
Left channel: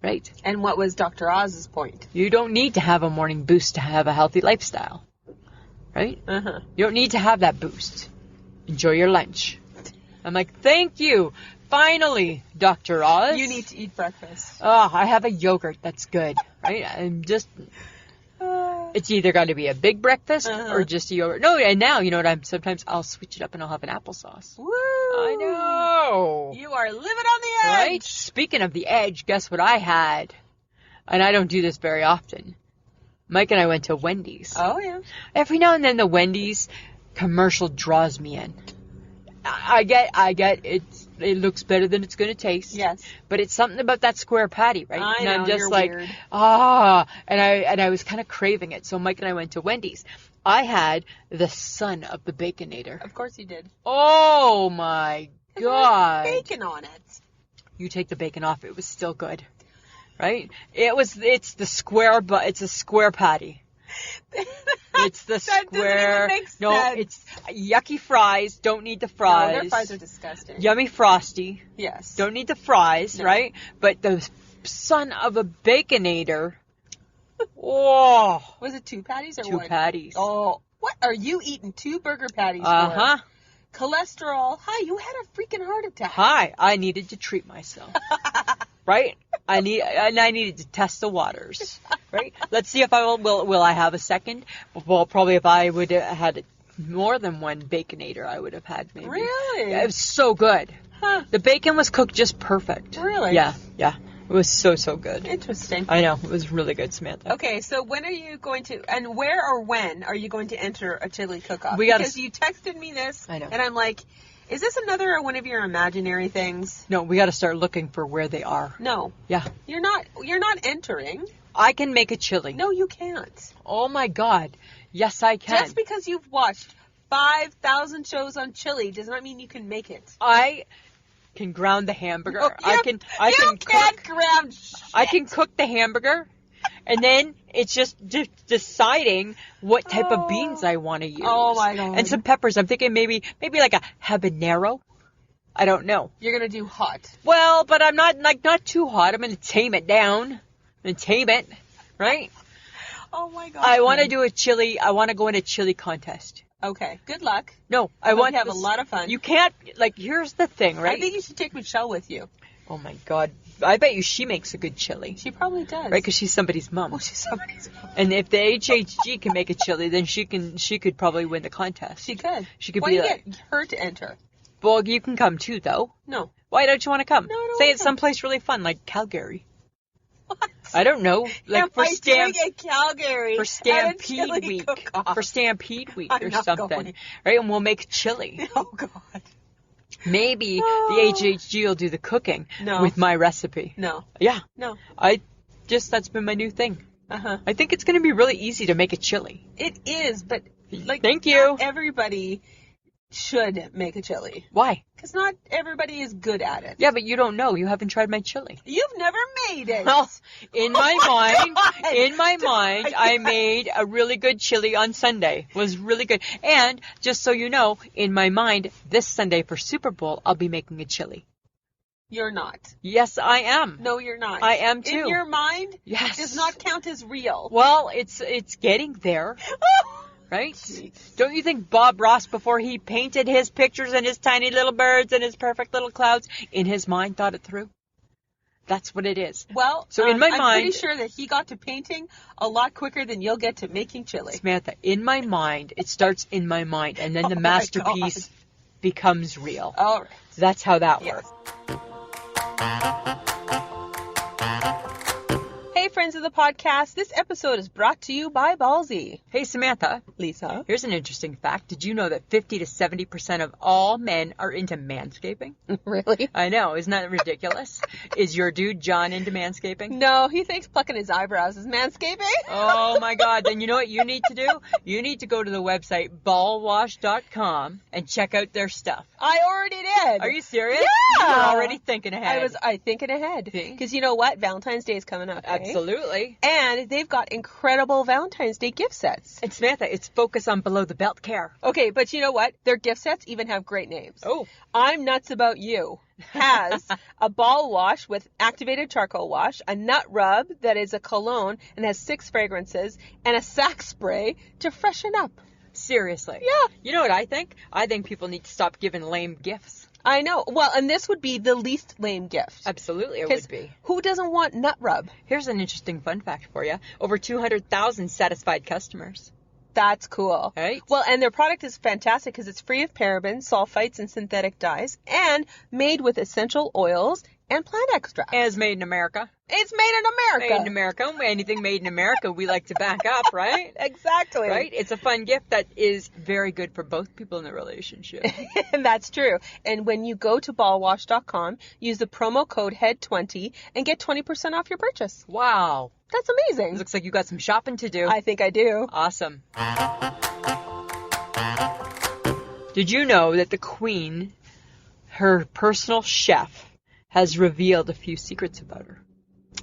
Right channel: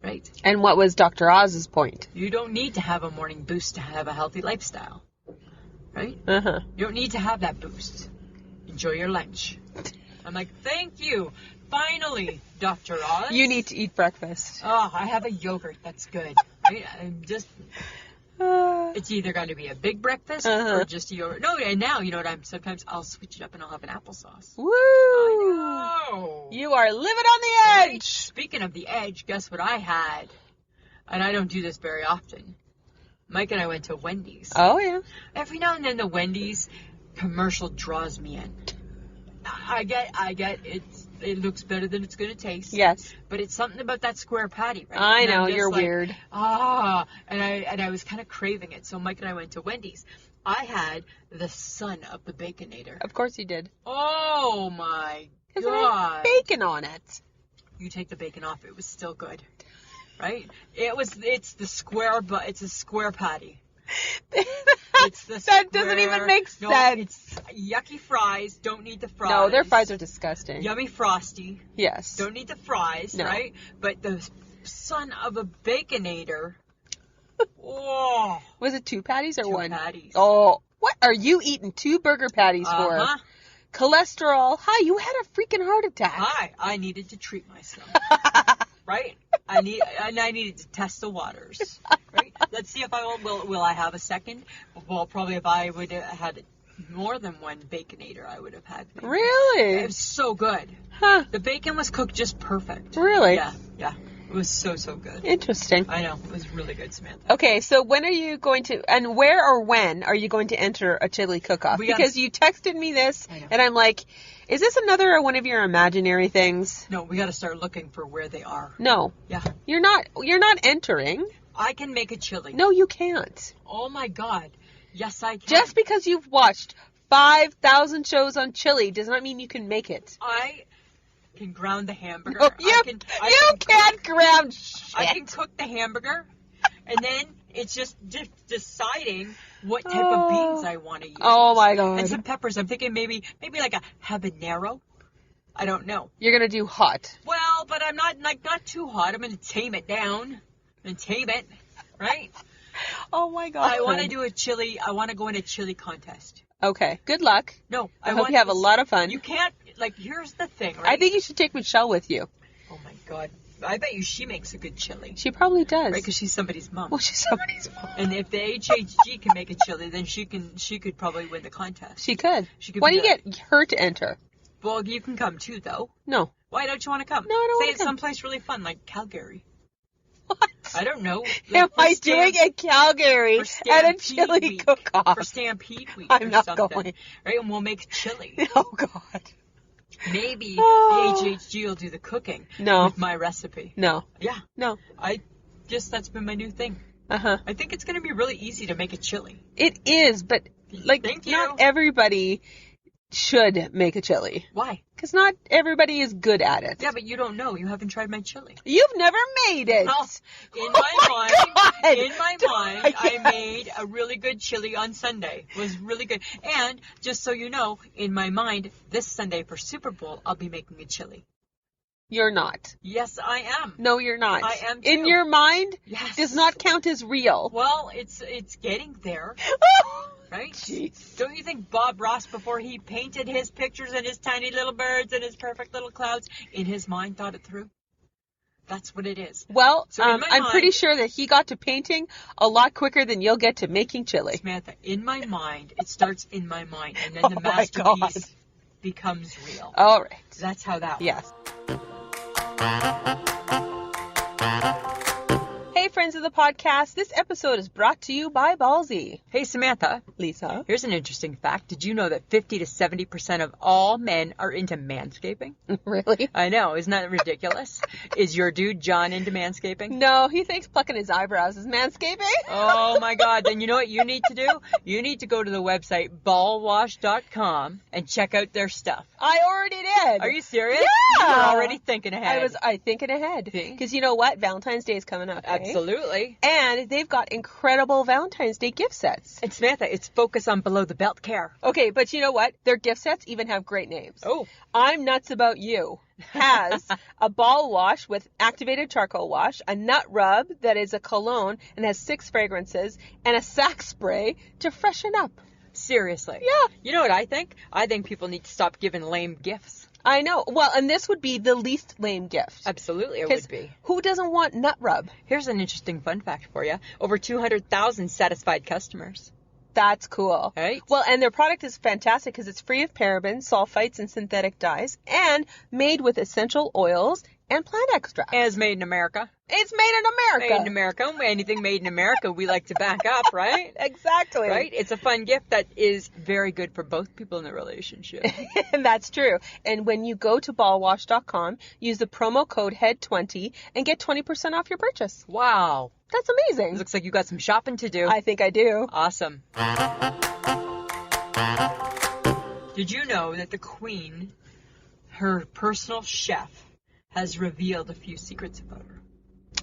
Right? And what was Dr. Oz's point? You don't need to have a morning boost to have a healthy lifestyle. Right? Uh-huh. You don't need to have that boost. Enjoy your lunch. I'm like, thank you. Finally, Dr. Oz. You need to eat breakfast. Oh, I have a yogurt that's good. Right? I'm just... It's either got to be a big breakfast or just a yogurt. No, and now, you know what, sometimes I'll switch it up and I'll have an applesauce. Woo! I know. You are living on the edge. Right? Speaking of the edge, guess what I had? And I don't do this very often. Mike and I went to Wendy's. Oh, yeah. Every now and then the Wendy's commercial draws me in. I get it looks better than it's going to taste. Yes. But it's something about that square patty, right? I and know, I'm just you're like, weird. And I was kind of craving it. So Mike and I went to Wendy's. I had the son of the Baconator. Of course you did. Oh my God. Bacon on it. You take the bacon off, it was still good. Right? It's a square patty. It's the square. That doesn't even make sense. No, it's yucky fries. Don't need the fries. No, their fries are disgusting. Yummy Frosty. Yes. Don't need the fries, No. right? But the son of a Baconator. Oh. Was it 2 patties or 2 one? patties. Oh, what are you eating 2 burger patties for? Uh-huh. Cholesterol. Hi, you had a freaking heart attack. Hi, I needed to treat myself. Right? I needed to test the waters. Right? Let's see if I will I have a second? Well, probably if I would have had more than one Baconator, I would have had maybe. Really? It was so good. Huh. The bacon was cooked just perfect. Really? Yeah. It was so good. Interesting. I know. It was really good, Samantha. Okay, so when are you going to, and where or when are you going to enter a chili cook-off? Because you texted me this, I know. and I'm like, is this another one of your imaginary things? No, we got to start looking for where they are. No. Yeah. You're not entering. I can make a chili. No, you can't. Oh my God. Yes, I can. Just because you've watched 5,000 shows on chili does not mean you can make it. I can ground the hamburger. No, you can't ground shit. I can cook the hamburger, and then it's just deciding what type of beans I want to use. Oh my God. And some peppers. I'm thinking maybe like a habanero. I don't know. You're gonna do hot. Well, but I'm not too hot. I'm gonna tame it down. I'm gonna tame it, right? Oh my God. I want to do a chili. I want to go in a chili contest. Okay. Good luck. No, I hope you have a lot of fun. You can't, here's the thing, right? I think you should take Michelle with you. Oh my God. I bet you she makes a good chili. She probably does. Right, because she's somebody's mom. Well, she's somebody's mom. And if the HHG can make a chili, then she could probably win the contest. She could. She could Why be don't you get her to enter? Well, you can come too, though. No. Why don't you want to come? No, I don't Say wanna it's come. someplace really fun, like Calgary. What? I don't know. Am I doing a Calgary for at a Stampede chili Week? cook-off? For Stampede Week I'm or not something. going. Right, and we'll make chili. Oh, God. Maybe the HHG will do the cooking with my recipe. No. Yeah. No. That's been my new thing. Uh-huh. I think it's going to be really easy to make a chili. It is, but Thank you. Not everybody should make a chili. Why? Because not everybody is good at it. Yeah, but you don't know. You haven't tried my chili. You've never made it. Well, in my mind, I made a really good chili on Sunday. It was really good. And just so you know, in my mind, this Sunday for Super Bowl, I'll be making a chili. You're not. Yes, I am. No, you're not. I am too. In your mind, yes, does not count as real. Well, it's getting there. Right? Jeez. Don't you think Bob Ross, before he painted his pictures and his tiny little birds and his perfect little clouds, in his mind thought it through? That's what it is. Well, so in my I'm mind, pretty sure that he got to painting a lot quicker than you'll get to making chili. Samantha, in my mind, it starts in my mind, and then the masterpiece becomes real. All right. That's how that works. Hey, friends of the podcast. This episode is brought to you by Ballsy. Hey, Samantha. Lisa. Here's an interesting fact. Did you know that 50 to 70% of all men are into manscaping? Really? I know. Isn't that ridiculous? Is your dude John into manscaping? No, he thinks plucking his eyebrows is manscaping. Oh, my God. Then you know what you need to do? You need to go to the website ballwash.com and check out their stuff. I already did. Are you serious? Yeah. You're already thinking ahead. I thinking ahead. Because you know what? Valentine's Day is coming up. Absolutely. And they've got incredible Valentine's Day gift sets. And Samantha, it's focused on below the belt care. Okay, but you know what? Their gift sets even have great names. Oh. I'm Nuts About You has a ball wash with activated charcoal wash, a nut rub that is a cologne and has 6 fragrances, and a sack spray to freshen up. Seriously. Yeah. You know what I think? I think people need to stop giving lame gifts. I know. Well, and this would be the least lame gift. Absolutely, it would be. Who doesn't want nut rub? Here's an interesting fun fact for you. Over 200,000 satisfied customers. That's cool. Right? Well, and their product is fantastic because it's free of parabens, sulfites, and synthetic dyes, and made with essential oils and plant extracts. And it's made in America. It's made in America. Made in America. Anything made in America, we like to back up, right? Exactly. Right? It's a fun gift that is very good for both people in the relationship. And that's true. And when you go to ballwash.com, use the promo code HEAD20 and get 20% off your purchase. Wow. That's amazing. It looks like you got some shopping to do. I think I do. Awesome. Did you know that the Queen, her personal chef, has revealed a few secrets about her?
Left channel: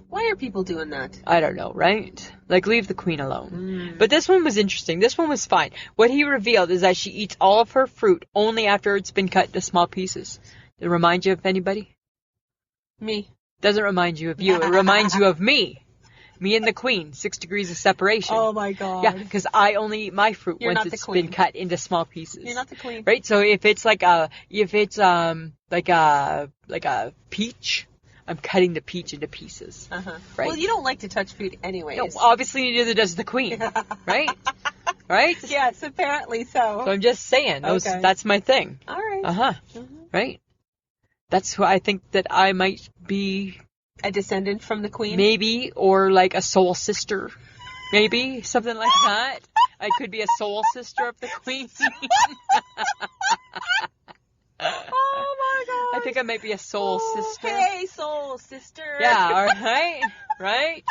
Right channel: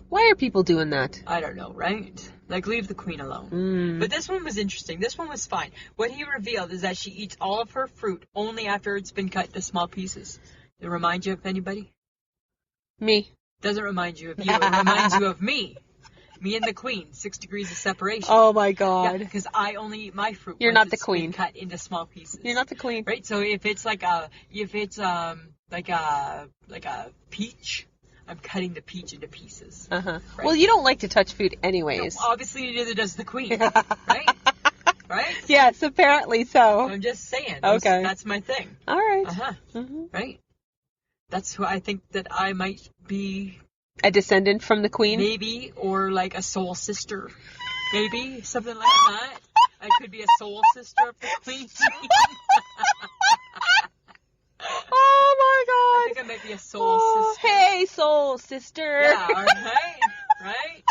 Why are people doing that? I don't know, right? Like, leave the Queen alone. But this one was interesting. This one was fine. What he revealed is that she eats all of her fruit only after it's been cut into small pieces. Does it remind you of anybody? Me. Doesn't remind you of you. It reminds you of me. Me and the Queen. 6 degrees of separation. Oh, my God. Yeah, because I only eat my fruit once it's been cut into small pieces. You're not the Queen. Right? So if it's like a peach, I'm cutting the peach into pieces. Uh-huh. Right? Well, you don't like to touch food anyways. No, obviously neither does the Queen. Right? Right? Yes, apparently so. So I'm just saying. Okay. That's my thing. All right. Uh-huh. Mm-hmm. Right? That's who I think that I might be. A descendant from the Queen? Maybe, or like a soul sister. Maybe, something like that. I could be a soul sister of the Queen. Oh, my God. I think I might be a soul sister. Hey, soul sister. Yeah, all right. Right?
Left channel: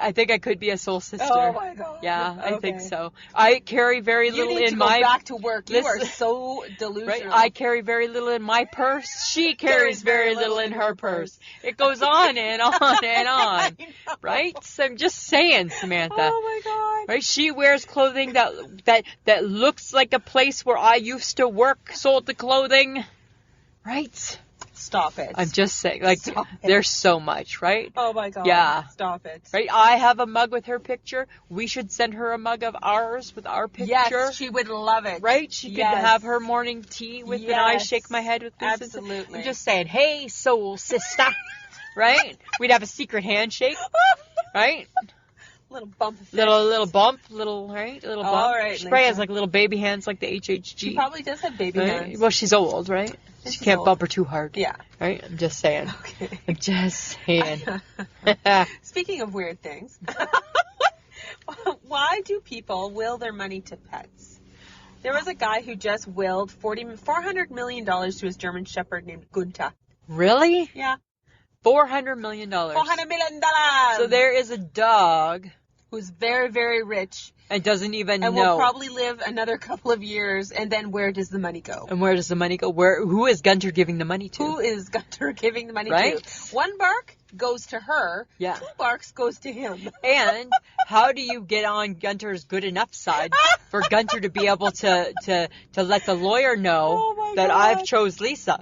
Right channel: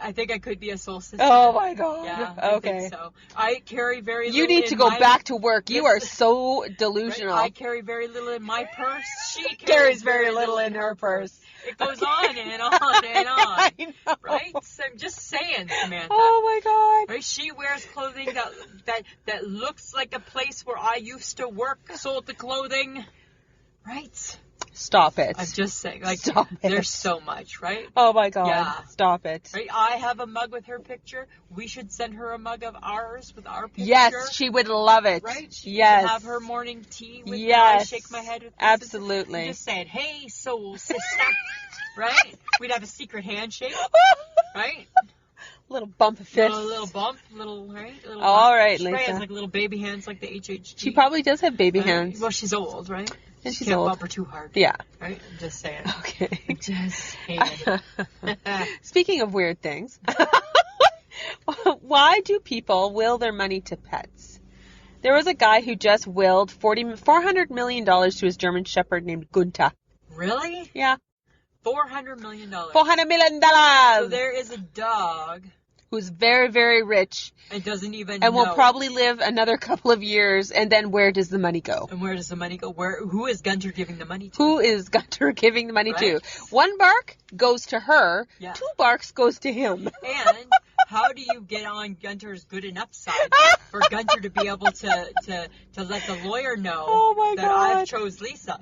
I think I could be a soul sister. Oh, my God. Yeah, I think so. I carry very little in my... You need to go back to work. You are so delusional. Right? I carry very little in my purse. She carries very little in her purse. It goes on and on and on. I know. Right? So I'm just saying, Samantha. Oh, my God. Right? She wears clothing that looks like a place where I used to work, sold the clothing. Right? Stop it. I'm just saying, like, there's so much, right? Oh, my God. Yeah. Stop it. Right? I have a mug with her picture. We should send her a mug of ours with our picture. Yes, she would love it. Right? She yes. could have her morning tea with me. I shake my head with this. Absolutely. I'm just saying, hey, soul sister. Right? We'd have a secret handshake. Right? Little bump of fist. Little bump, right? Little bump. All right, She probably Lisa. has like little baby hands like the HHG. She probably does have baby right? hands. Well, she's old, right? And She she's can't old. bump her too hard. Yeah. Right? I'm just saying. Okay. I'm just saying. Speaking of weird things, why do people will their money to pets? There was a guy who just willed $400 million to his German Shepherd named Gunther. Really? Yeah. $400 million. $400 million! So there is a dog who's very, very rich. And doesn't even know. And will probably live another couple of years, and then where does the money go? And where does the money go? Who is Gunter giving the money to? Who is Gunter giving the money Right? to? One bark goes to her. Yeah. 2 barks goes to him. And how do you get on Gunter's good enough side for Gunter to be able to let the lawyer know that I've chose Lisa?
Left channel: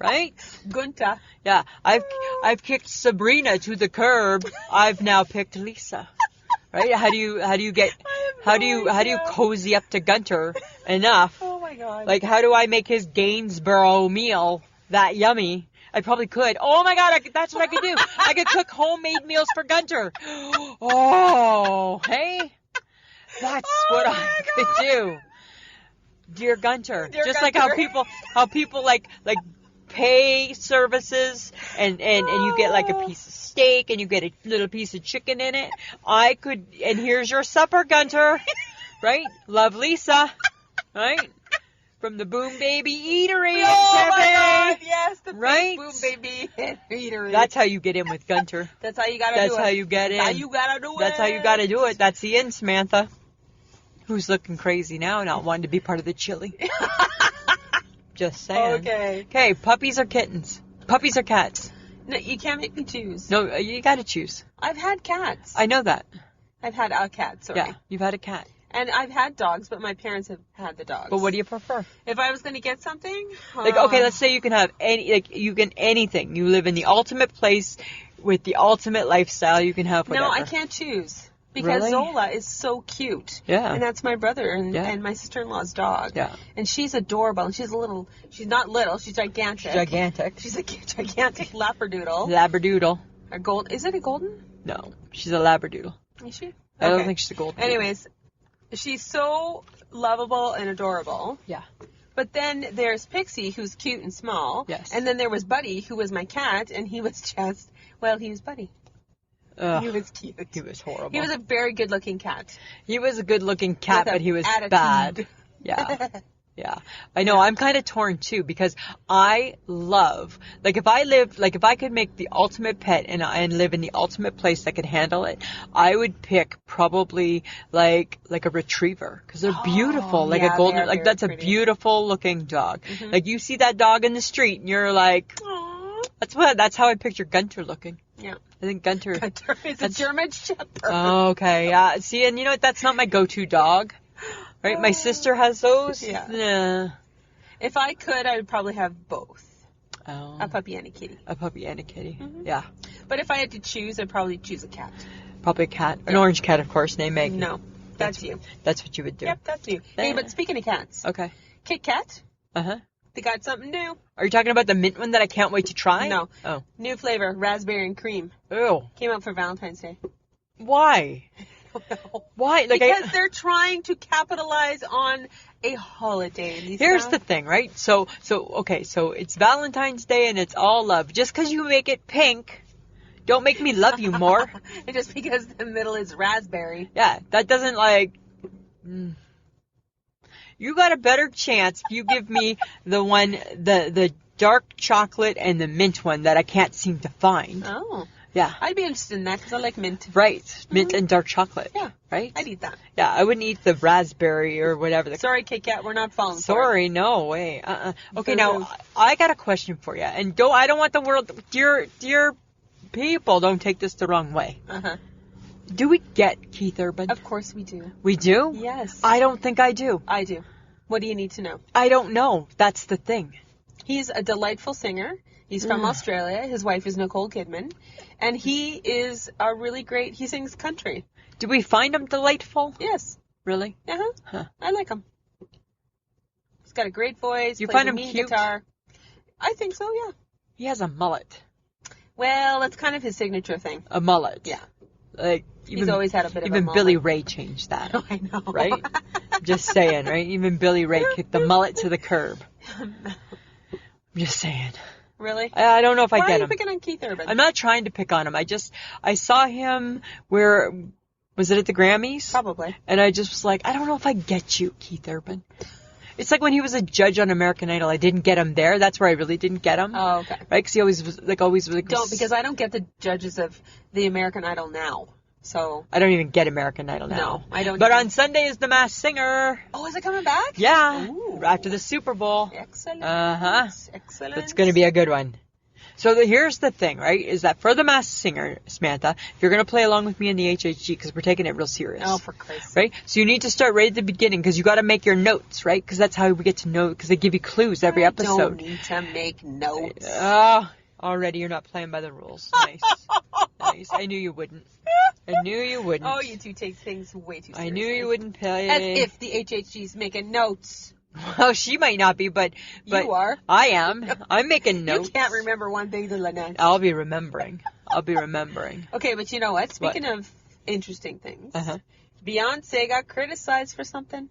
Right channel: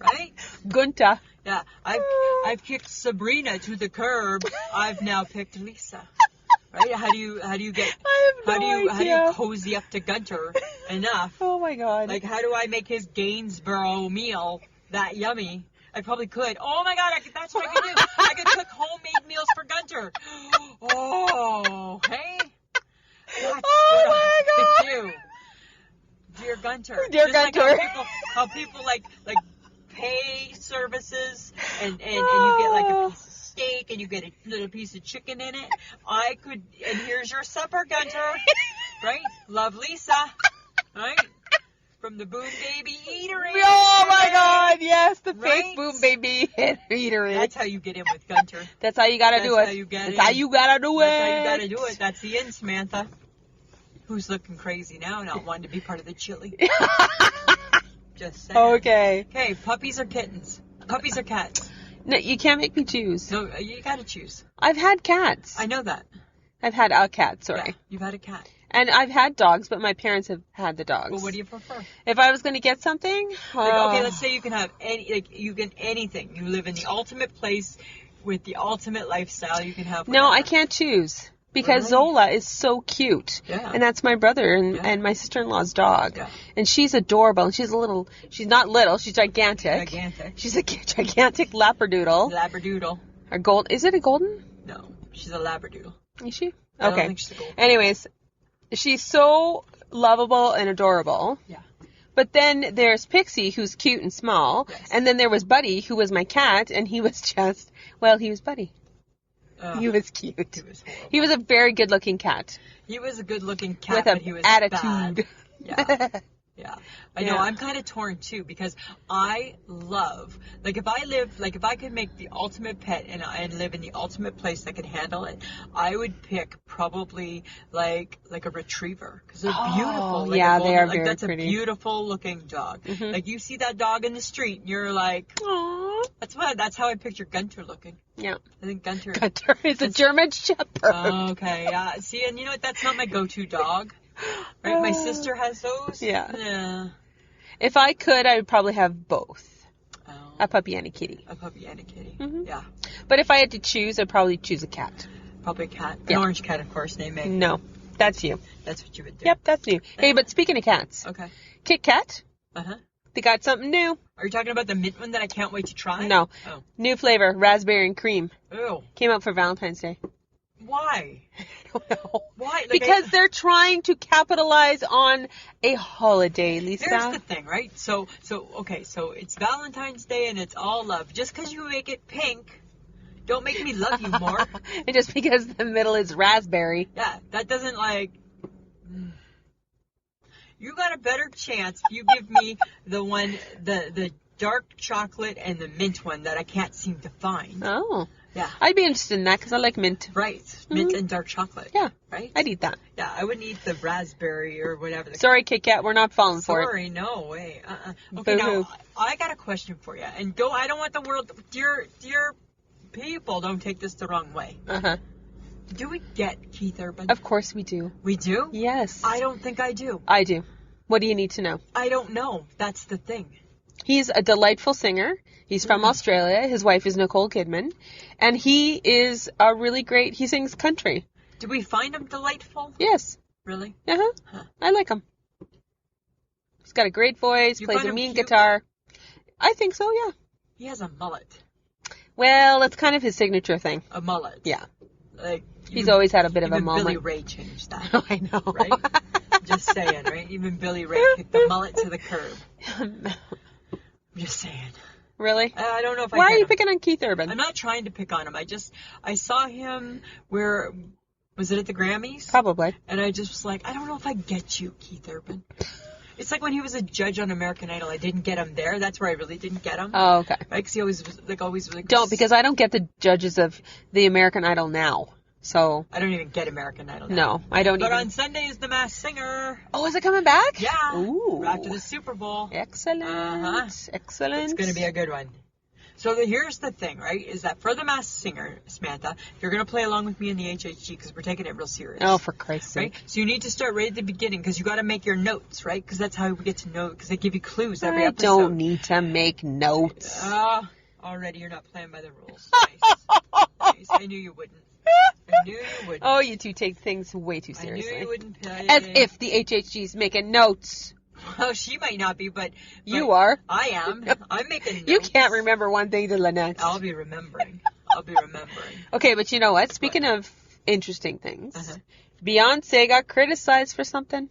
Right? Gunther. Yeah. I've kicked Sabrina to the curb. I've now picked Lisa. Right? How do you cozy up to Gunter enough? Oh my God. Like, how do I make his Gainsborough meal that yummy? I probably could. Oh my God, that's what I could do. I could cook homemade meals for Gunter. Oh, hey? That's what I could do. Dear Gunter. Dear Just Gunter. like how people like pay services and you get like a piece of steak and you get a little piece of chicken in it. I could, and here's your supper, Gunter. Right? Love, Lisa. Right? From the Boom Baby Eatery. Oh my God, yes, the Right? fake Boom Baby Eatery. That's how you get in with Gunter. That's how you gotta do it. That's how you get in. That's how you gotta do it. That's how you gotta do it. That's the end, Samantha. Who's looking crazy now, not wanting to be part of the chili. Just saying. Okay. Okay, puppies or kittens? Puppies or cats? No, you can't make me choose. No, you gotta choose. I've had cats. I know that. I've had a cat, sorry. Yeah, you've had a cat. And I've had dogs, but my parents have had the dogs. But what do you prefer? If I was going to get something... Like, okay, let's say you can have anything. You live in the ultimate place with the ultimate lifestyle. You can have whatever. No, I can't choose. Because Really? Zola is so cute. Yeah. And that's my brother and my sister-in-law's dog. Yeah. And she's adorable. And she's not little, she's gigantic. Gigantic. She's a gigantic Labradoodle. Labradoodle. Is it a golden? No, she's a Labradoodle. Is she? I don't think she's a golden. Anyways, she's so lovable and adorable. Yeah. But then there's Pixie, who's cute and small. Yes. And then there was Buddy, who was my cat, and he was just, well, he was Buddy. Ugh, He was cute. he was horrible. He was a very good-looking cat. He was a good-looking cat, With but he was attitude. bad. Yeah. Yeah. I know. Yeah. I'm kind of torn too because I love, if I could make the ultimate pet and live in the ultimate place that could handle it, I would pick probably like a retriever because they're beautiful. Like yeah, a golden, they are like very that's pretty. a beautiful looking dog. Mhm. Like you see that dog in the street and you're like, Aww. that's how I picture Gunter looking. Yeah. I think Gunter. Gunter is a German Shepherd. Okay. Yeah. See, and you know what? That's not my go-to dog. Right? My sister has those. Yeah. Yeah. If I could, I would probably have both. Oh. A puppy and a kitty. A puppy and a kitty. Mhm. Yeah. But if I had to choose, I'd probably choose a cat. Probably a cat. An Yeah. orange cat, of course, named Meg. No, that's you. That's what you would do. Yep, that's you. Hey, but speaking of cats, Okay. Kit Kat, Uh-huh. they got something new. Are you talking about the mint one that I can't wait to try? No. Oh. New flavor, raspberry and cream. Ew. Came out for Valentine's Day. Why? I don't know. Why? Because they're trying to capitalize on a holiday, Lisa. Here's the thing, right? So it's Valentine's Day and it's all love. Just because you make it pink, don't make me love you more. And just because the middle is raspberry. Yeah, that doesn't You got a better chance if you give me the dark chocolate and the mint one that I can't seem to find. Oh. Yeah. I'd be interested in that because I like mint. Right. Mint and dark chocolate. Yeah. Right? I'd eat that. Yeah, I wouldn't eat the raspberry or whatever. Sorry, Kit Kat, we're not falling for it. Sorry, no way. Okay, now Boo-hoo. I got a question for you, and I don't want the world, dear people, don't take this the wrong way. Uh-huh. Do we get Keith Urban? Of course we do. We do? Yes. I don't think I do. I do. What do you need to know? I don't know. That's the thing. He's a delightful singer. He's from Australia. His wife is Nicole Kidman. And he is a really great, he sings country. Do we find him delightful? Yes. Really? Uh-huh. Huh. I like him. He's got a great voice, You plays find a him mean cute? guitar. I think so, yeah. He has a mullet. Well, that's kind of his signature thing. A mullet. Yeah. Like He's always had a bit of a even moment. Billy Ray changed that. I know. Right? Just saying, right? Even Billy Ray kicked the mullet to the curb. I'm just saying. Really? I don't know if I Why get are you him. picking on Keith Urban? I'm not trying to pick on him. I saw him Was it at the Grammys? Probably. And I just was like, I don't know if I get you, Keith Urban. It's like when he was a judge on American Idol. I didn't get him there. That's where I really didn't get him. Oh, okay. Right? Because he always was like... Don't, because I don't get the judges of the American Idol now. So... I don't even get American Idol now. No, I don't But on Sunday is The Masked Singer. Oh, is it coming back? Yeah. Ooh. After the Super Bowl. Excellent. Uh-huh. Excellent. It's going to be a good one. So here's the thing, right, is that for The Masked Singer, Samantha, if you're going to play along with me in the HHG, because we're taking it real serious. Oh, for Christ's right? sake. So you need to start right at the beginning, because you got to make your notes, right? Because that's how we get to know, because they give you clues every episode. I don't need to make notes. Already you're not playing by the rules. Nice. Nice. I knew you wouldn't. I knew you wouldn't. Oh, you two take things way too seriously. I knew you wouldn't play. As if the HHG's making notes. Well, she might not be, but you are. I am. I'm making notes. You can't remember one thing to the next. I'll be remembering. Okay, but you know what? Speaking of interesting things, Beyonce got criticized for something.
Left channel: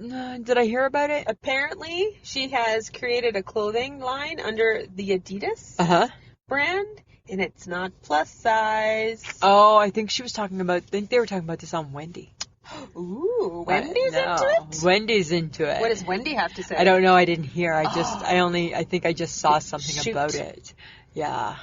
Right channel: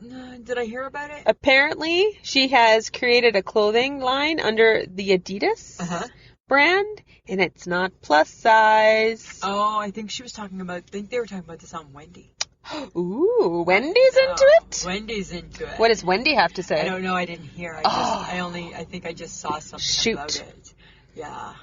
Did I hear about it? Apparently, she has created a clothing line under the Adidas brand, and it's not plus size. Oh, I think she was talking about. I think they were talking about this on Wendy. Ooh, Wendy's into it? Wendy's into it. What does Wendy have to say? I don't know. I didn't hear. I think I just saw something about it. Yeah.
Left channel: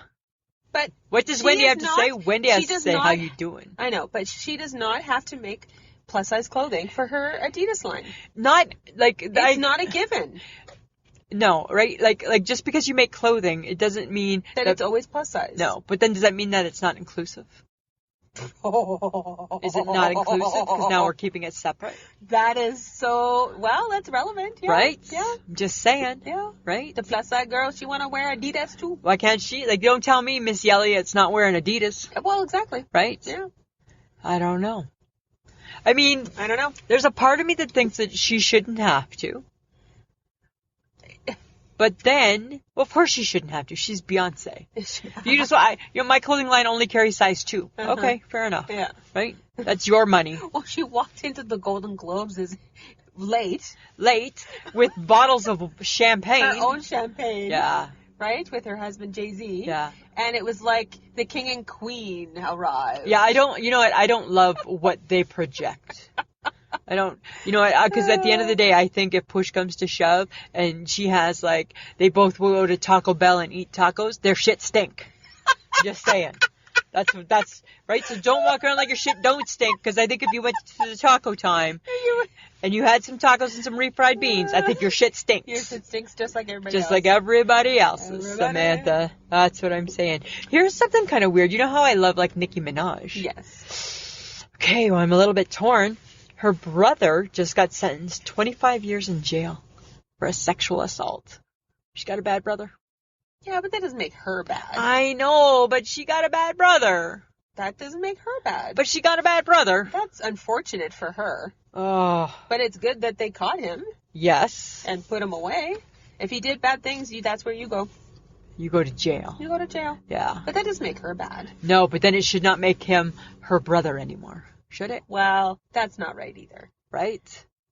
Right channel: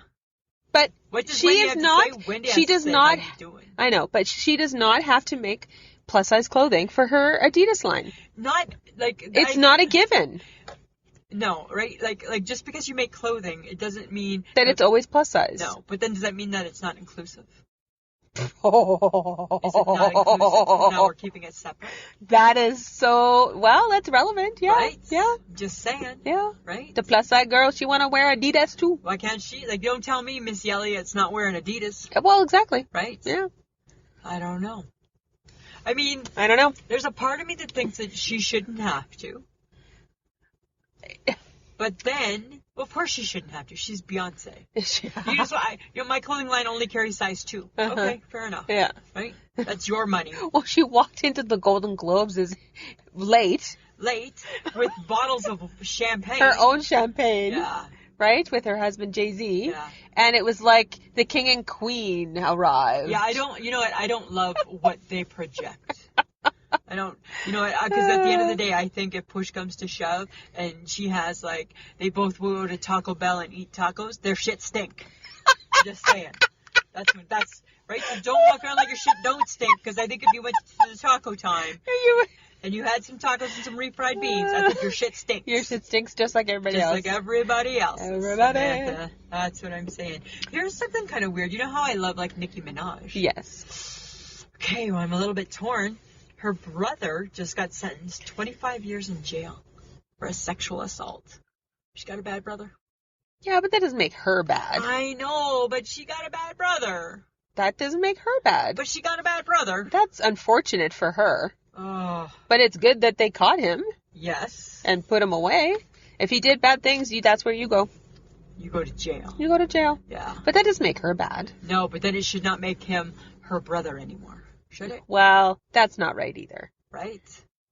But what does Wendy have to say? Wendy has to say, how you doing? I know, but she does not have to make plus size clothing for her Adidas line. Not like it's not a given. No, right? Like just because you make clothing, it doesn't mean that it's always plus size. No, but then does that mean that it's not inclusive? Is it not inclusive? Because now we're keeping it separate. That is so... Well, that's relevant, yeah. Right? Yeah. Just saying. Yeah. Right? The plus size girl, she want to wear Adidas too. Why can't she? Like, don't tell me Miss Elliott's not wearing Adidas. Well, exactly. Right? Yeah. I don't know. I mean... I don't know. There's a part of me that thinks that she shouldn't have to. But then, well, of course she shouldn't have to. She's Beyonce. You just, my clothing line only carries size 2. Okay, fair enough. Yeah. Right? That's your money. Well, she walked into the Golden Globes late with bottles of champagne. Her own champagne. Yeah. Right? With her husband Jay-Z. Yeah. And it was like the king and queen arrived. Yeah, you know what? I don't love what they project. I don't, because at the end of the day, I think if push comes to shove and she has they both will go to Taco Bell and eat tacos, their shit stink. Just saying. That's right. So don't walk around like your shit don't stink, because I think if you went to the taco time and you had some tacos and some refried beans, I think your shit stinks. Your shit stinks just like everybody else. Just like everybody else's, Samantha. That's what I'm saying. Here's something kind of weird. You know how I love Nicki Minaj? Yes. Okay, well, I'm a little bit torn. Her brother just got sentenced 25 years in jail for a sexual assault. She got a bad brother. Yeah, but that doesn't make her bad. I know, but she got a bad brother. That doesn't make her bad. But she got a bad brother. That's unfortunate for her. Oh. But it's good that they caught him. Yes. And put him away. If he did bad things, that's where you go. You go to jail. You go to jail. Yeah. But that doesn't make her bad. No, but then it should not make him her brother anymore. Should it? Well, that's not right either. Right?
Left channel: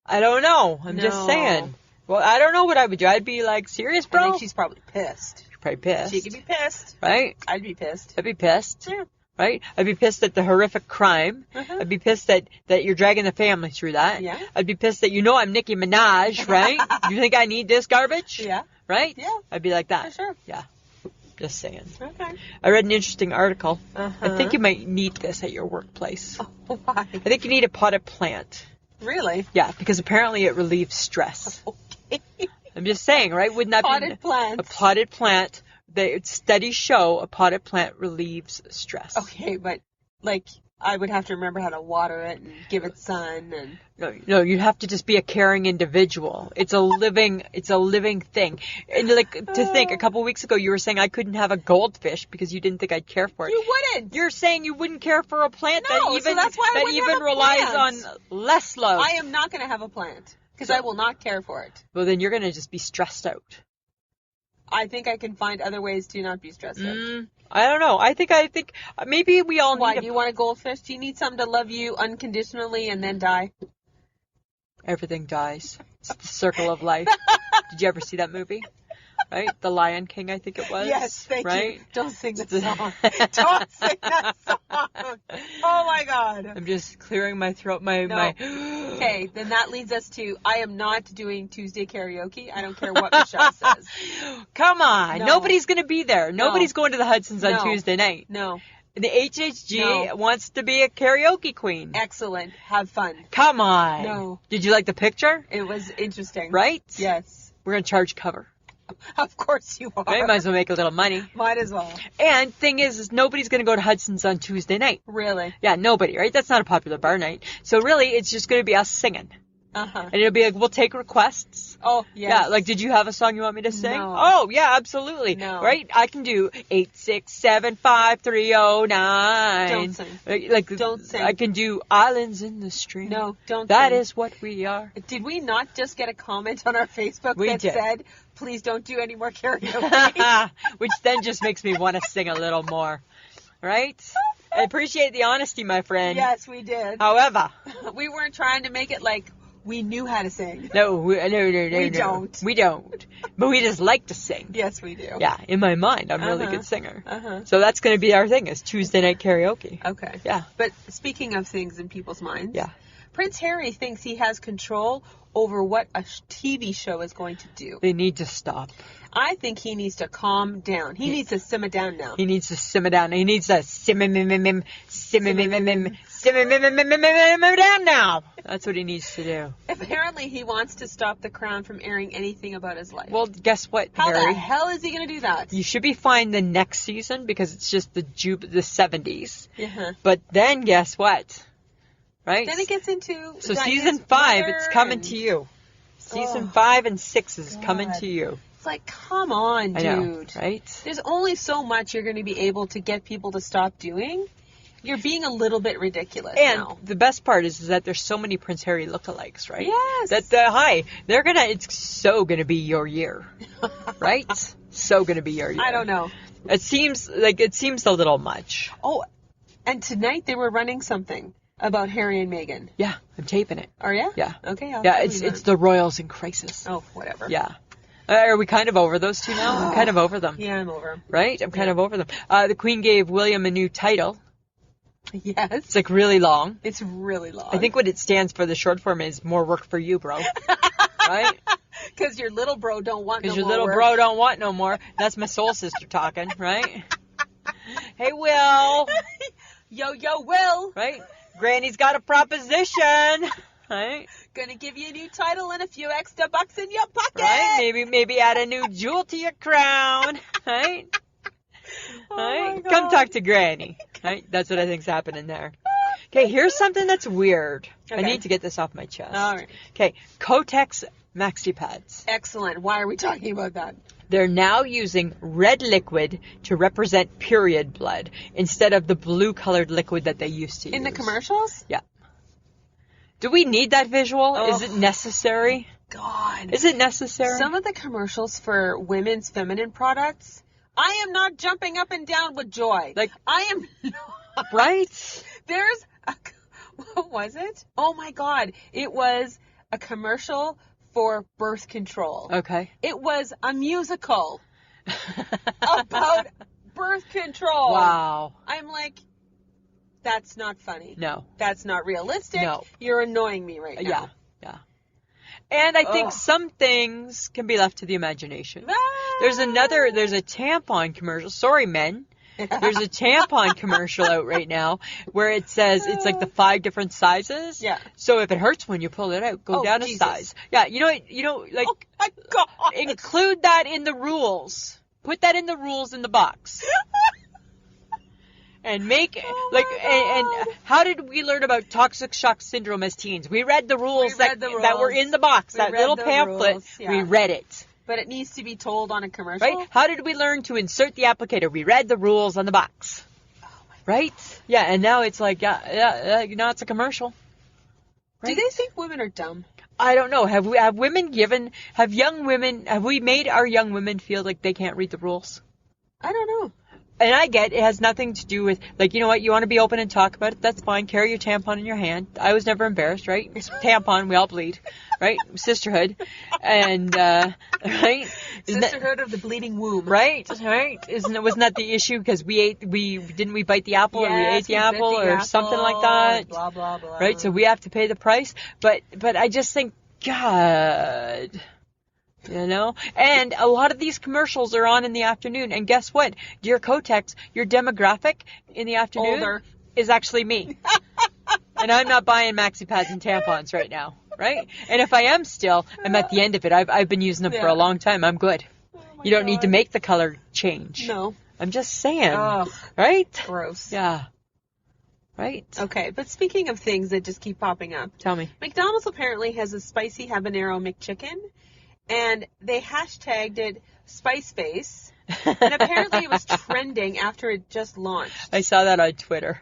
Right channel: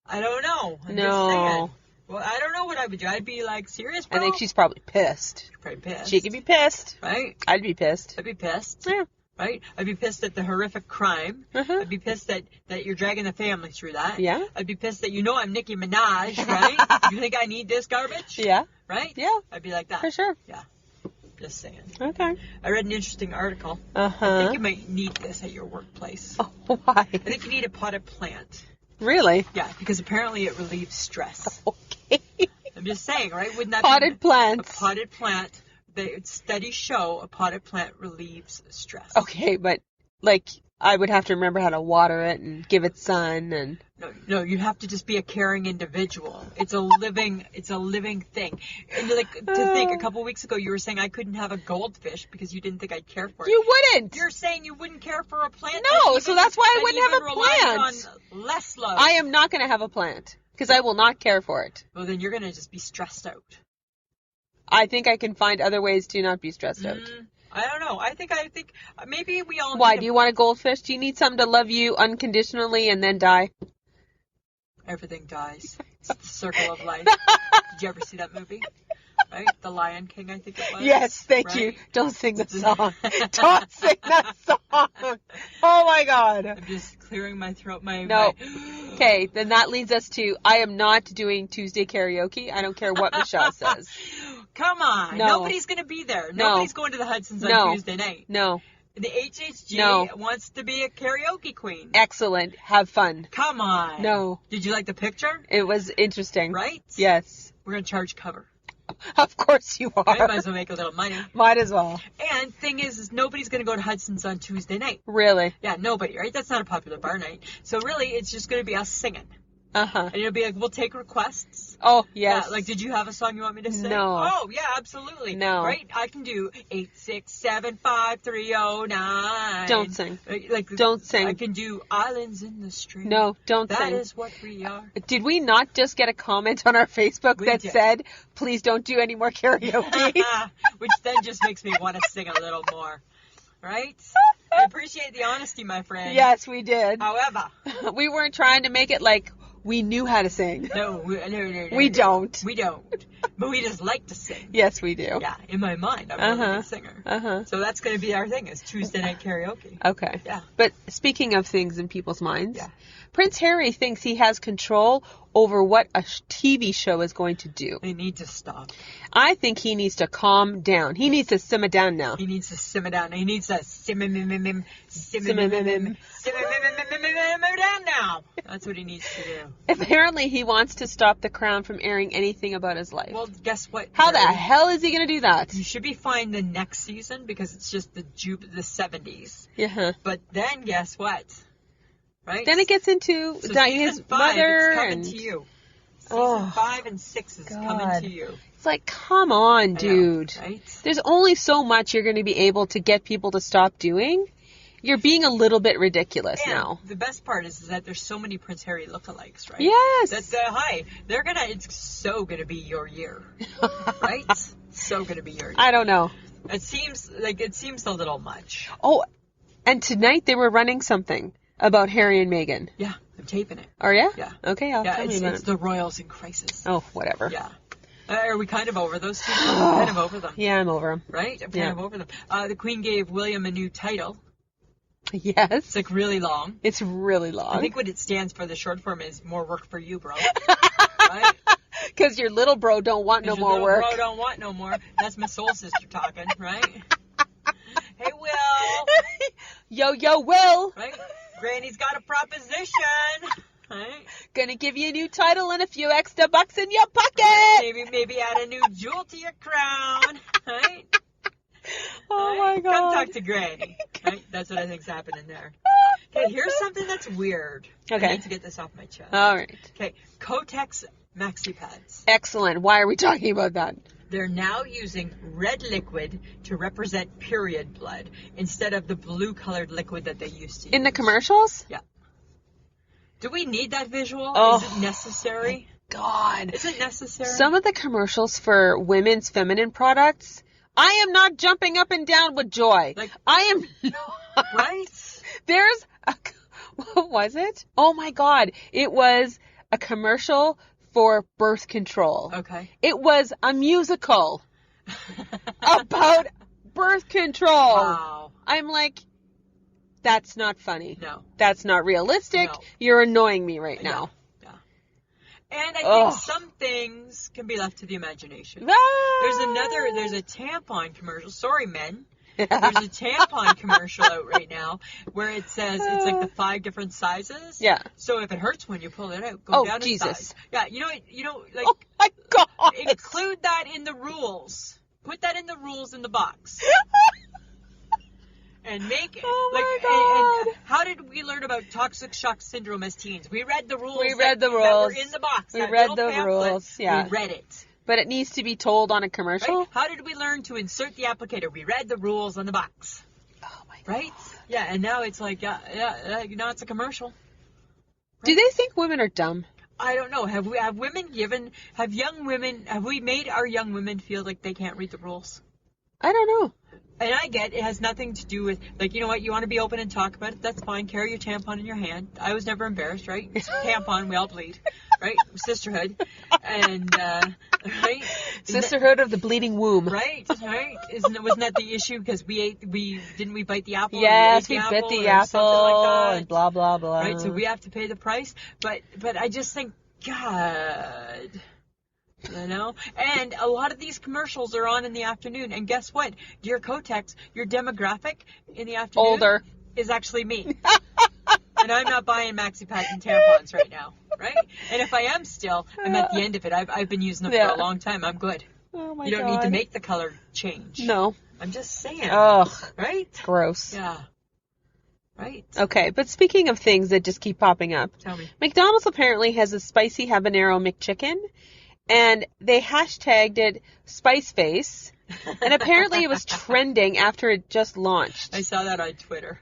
I don't know. I'm just saying. Well, I don't know what I would do. I'd be serious, bro? I think she's probably pissed. She's probably pissed. She could be pissed. Right? I'd be pissed. I'd be pissed. Yeah. Right? I'd be pissed at the horrific crime. I'd be pissed that you're dragging the family through that. Yeah. I'd be pissed that I'm Nicki Minaj, right? You think I need this garbage? Yeah. Right? Yeah. I'd be like that. For sure. Yeah. Just saying. Okay. I read an interesting article. I think you might need this at your workplace. Oh, why? I think you need a potted plant. Really? Yeah, because apparently it relieves stress. Okay. I'm just saying, right? Wouldn't that potted plants? A potted plant. Studies show a potted plant relieves stress. Okay, but I would have to remember how to water it and give it sun and. No, you'd have to just be a caring individual. It's a living thing. And to think, a couple weeks ago you were saying I couldn't have a goldfish because you didn't think I'd care for it. You wouldn't. You're saying you wouldn't care for a plant. No, so that's why I wouldn't have a relies on less love. I am not going to have a plant because I will not care for it. Well, then you're going to just be stressed out. I think I can find other ways to not be stressed out. I don't know. I think maybe we all. Why do you want a goldfish? Do you need something to love you unconditionally and then die? Everything dies. It's the circle of life. Did you ever see that movie? right? The Lion King, I think it was. Yes, thank right? you. Don't sing the song. Don't sing that song. Oh my God. I'm just clearing my throat. No. Okay, then that leads us to, I am not doing Tuesday karaoke. I don't care what Michelle says. Come on. No. Nobody's going to be there. No. Nobody's going to the Hudson's on Tuesday night. No. The HHG wants to be a karaoke queen. Excellent. Have fun. Come on. No. Did you like the picture? It was interesting. Right? Yes. We're going to charge cover. Of course you are. Right? Might as well make a little money. Might as well. And thing is nobody's going to go to Hudson's on Tuesday night. Really? Yeah, nobody, right? That's not a popular bar night. So really, it's just going to be us singing. Uh-huh. And it'll be like, we'll take requests. Oh, yes. Yeah, like, did you have a song you want me to sing? No. Oh, yeah, absolutely. No. Right? I can do 8675309. Don't sing. Like, Don't sing. I can do Islands in the Stream. No, don't That sing. is what we are. Did we not just get a comment on our Facebook We that did. said, please don't do any more karaoke? Which then just makes me want to sing a little more. Right? I appreciate the honesty, my friend. Yes, we did. However, We weren't trying to make it like we knew how to sing. no. We no. don't. We don't. But we just like to sing. Yes, we do. Yeah, in my mind, I'm a really Uh-huh. good singer. Uh-huh. So that's going to be our thing, is Tuesday night karaoke. Okay. Yeah. But speaking of things in people's minds, Yeah. Prince Harry thinks he has control over what a TV show is going to do. They need to stop. I think he needs to calm down. He needs to simmer down now. He needs to simmer down. He needs to simmer down now. That's what he needs to do. Apparently, he wants to stop The Crown from airing anything about his life. Well, guess what, How Harry? the hell is he going to do that? You should be fine the next season because it's just the 70s. Yeah. But then guess what? Right? Then it gets into So his season 5, mother it's coming and- to you. Season Oh, 5 and 6 is God. coming to you. It's like, come on, I know, dude. right? There's only so much you're going to be able to get people to stop doing. You're being a little bit ridiculous And now. the best part is that there's so many Prince Harry lookalikes, right? Yes. It's so gonna be your year, right? So gonna be your year. I don't know. It seems a little much. Oh, and tonight they were running something about Harry and Meghan. Yeah, I'm taping it. Are ya? Yeah. Okay, Yeah, tell me it's about it. the royals in crisis. Oh, whatever. Yeah. Are we kind of over those two now? I'm kind of over them. Yeah, I'm over him. Right? I'm kind Yeah. of over them. The Queen gave William a new title. Yes. It's like really long. It's really long. I think what it stands for, the short form, is more work for you, bro. Right? Because your little bro don't want no Because your more little work. bro don't want no more. That's my soul sister talking, right? Hey, Will. Yo, Will. Right? Granny's got a proposition. Right? Gonna give you a new title and a few extra bucks in your pocket. Right? Maybe add a new jewel to your crown. Right? Oh Right? my God. Come talk to Granny. Right? That's what I think's happening there. Okay, here's something that's weird. Okay. I need to get this off my chest. All right. Okay, Kotex Maxi Pads. Excellent. Why are we talking about that? They're now using red liquid to represent period blood instead of the blue-colored liquid that they used to use. In the commercials? Yeah. Do we need that visual? Oh. Is it necessary? God. Is it necessary? Some of the commercials for women's feminine products, I am not jumping up and down with joy. Like- I am not. Right? There's a, what was it? Oh my God. It was a commercial for birth control. Okay. It was a musical about birth control. Wow. I'm like, that's not funny. No. That's not realistic. No. You're annoying me right Yeah. now. Yeah. And I think Ugh. some things can be left to the imagination. Ah. There's a tampon commercial. Sorry, men. There's a tampon commercial out right now where it says it's like the 5 different sizes. Yeah. So if it hurts when you pull it out, go Oh, down a Jesus. size. Yeah, like Oh my God. include that in the rules. Put that in the rules in the box. And make Oh like my and how did we learn about toxic shock syndrome as teens? We read the rules. We read the that were rules. in the box. We that read little the pamphlet. rules, yeah. We read it. But it needs to be told on a commercial. Right? How did we learn to insert the applicator? We read the rules on the box. Oh my God. Right? Yeah, and now it's like now it's a commercial. Do Right? they think women are dumb? I don't know. Have we made our young women feel like they can't read the rules? I don't know. And I get it has nothing to do with, like, you know what, you want to be open and talk about it, that's fine. Carry your tampon in your hand. I was never embarrassed, right? It's tampon, we all bleed, right? Sisterhood. And, right? Sisterhood of the Bleeding Womb. Right? Wasn't that the issue? Because we bite the apple, yes, or we ate the apple, bit the or apple, something like that. Blah, blah, blah. Right? So we have to pay the price. But I just think, God, you know? And a lot of these commercials are on in the afternoon. And guess what? Dear Kotex, your demographic in the afternoon Older. is actually me. And I'm not buying maxi pads and tampons right now. Right? And if I am still, I'm at the end of it. I've been using them for a long time. I'm good. Oh my you don't God. need to make the color change. No. I'm just saying. Ugh. Right? Gross. Yeah. Right? Okay, but speaking of things that just keep popping up. Tell me. McDonald's apparently has a spicy habanero McChicken, and they hashtagged it Spice Face, and apparently it was trending after it just launched. I saw that on Twitter.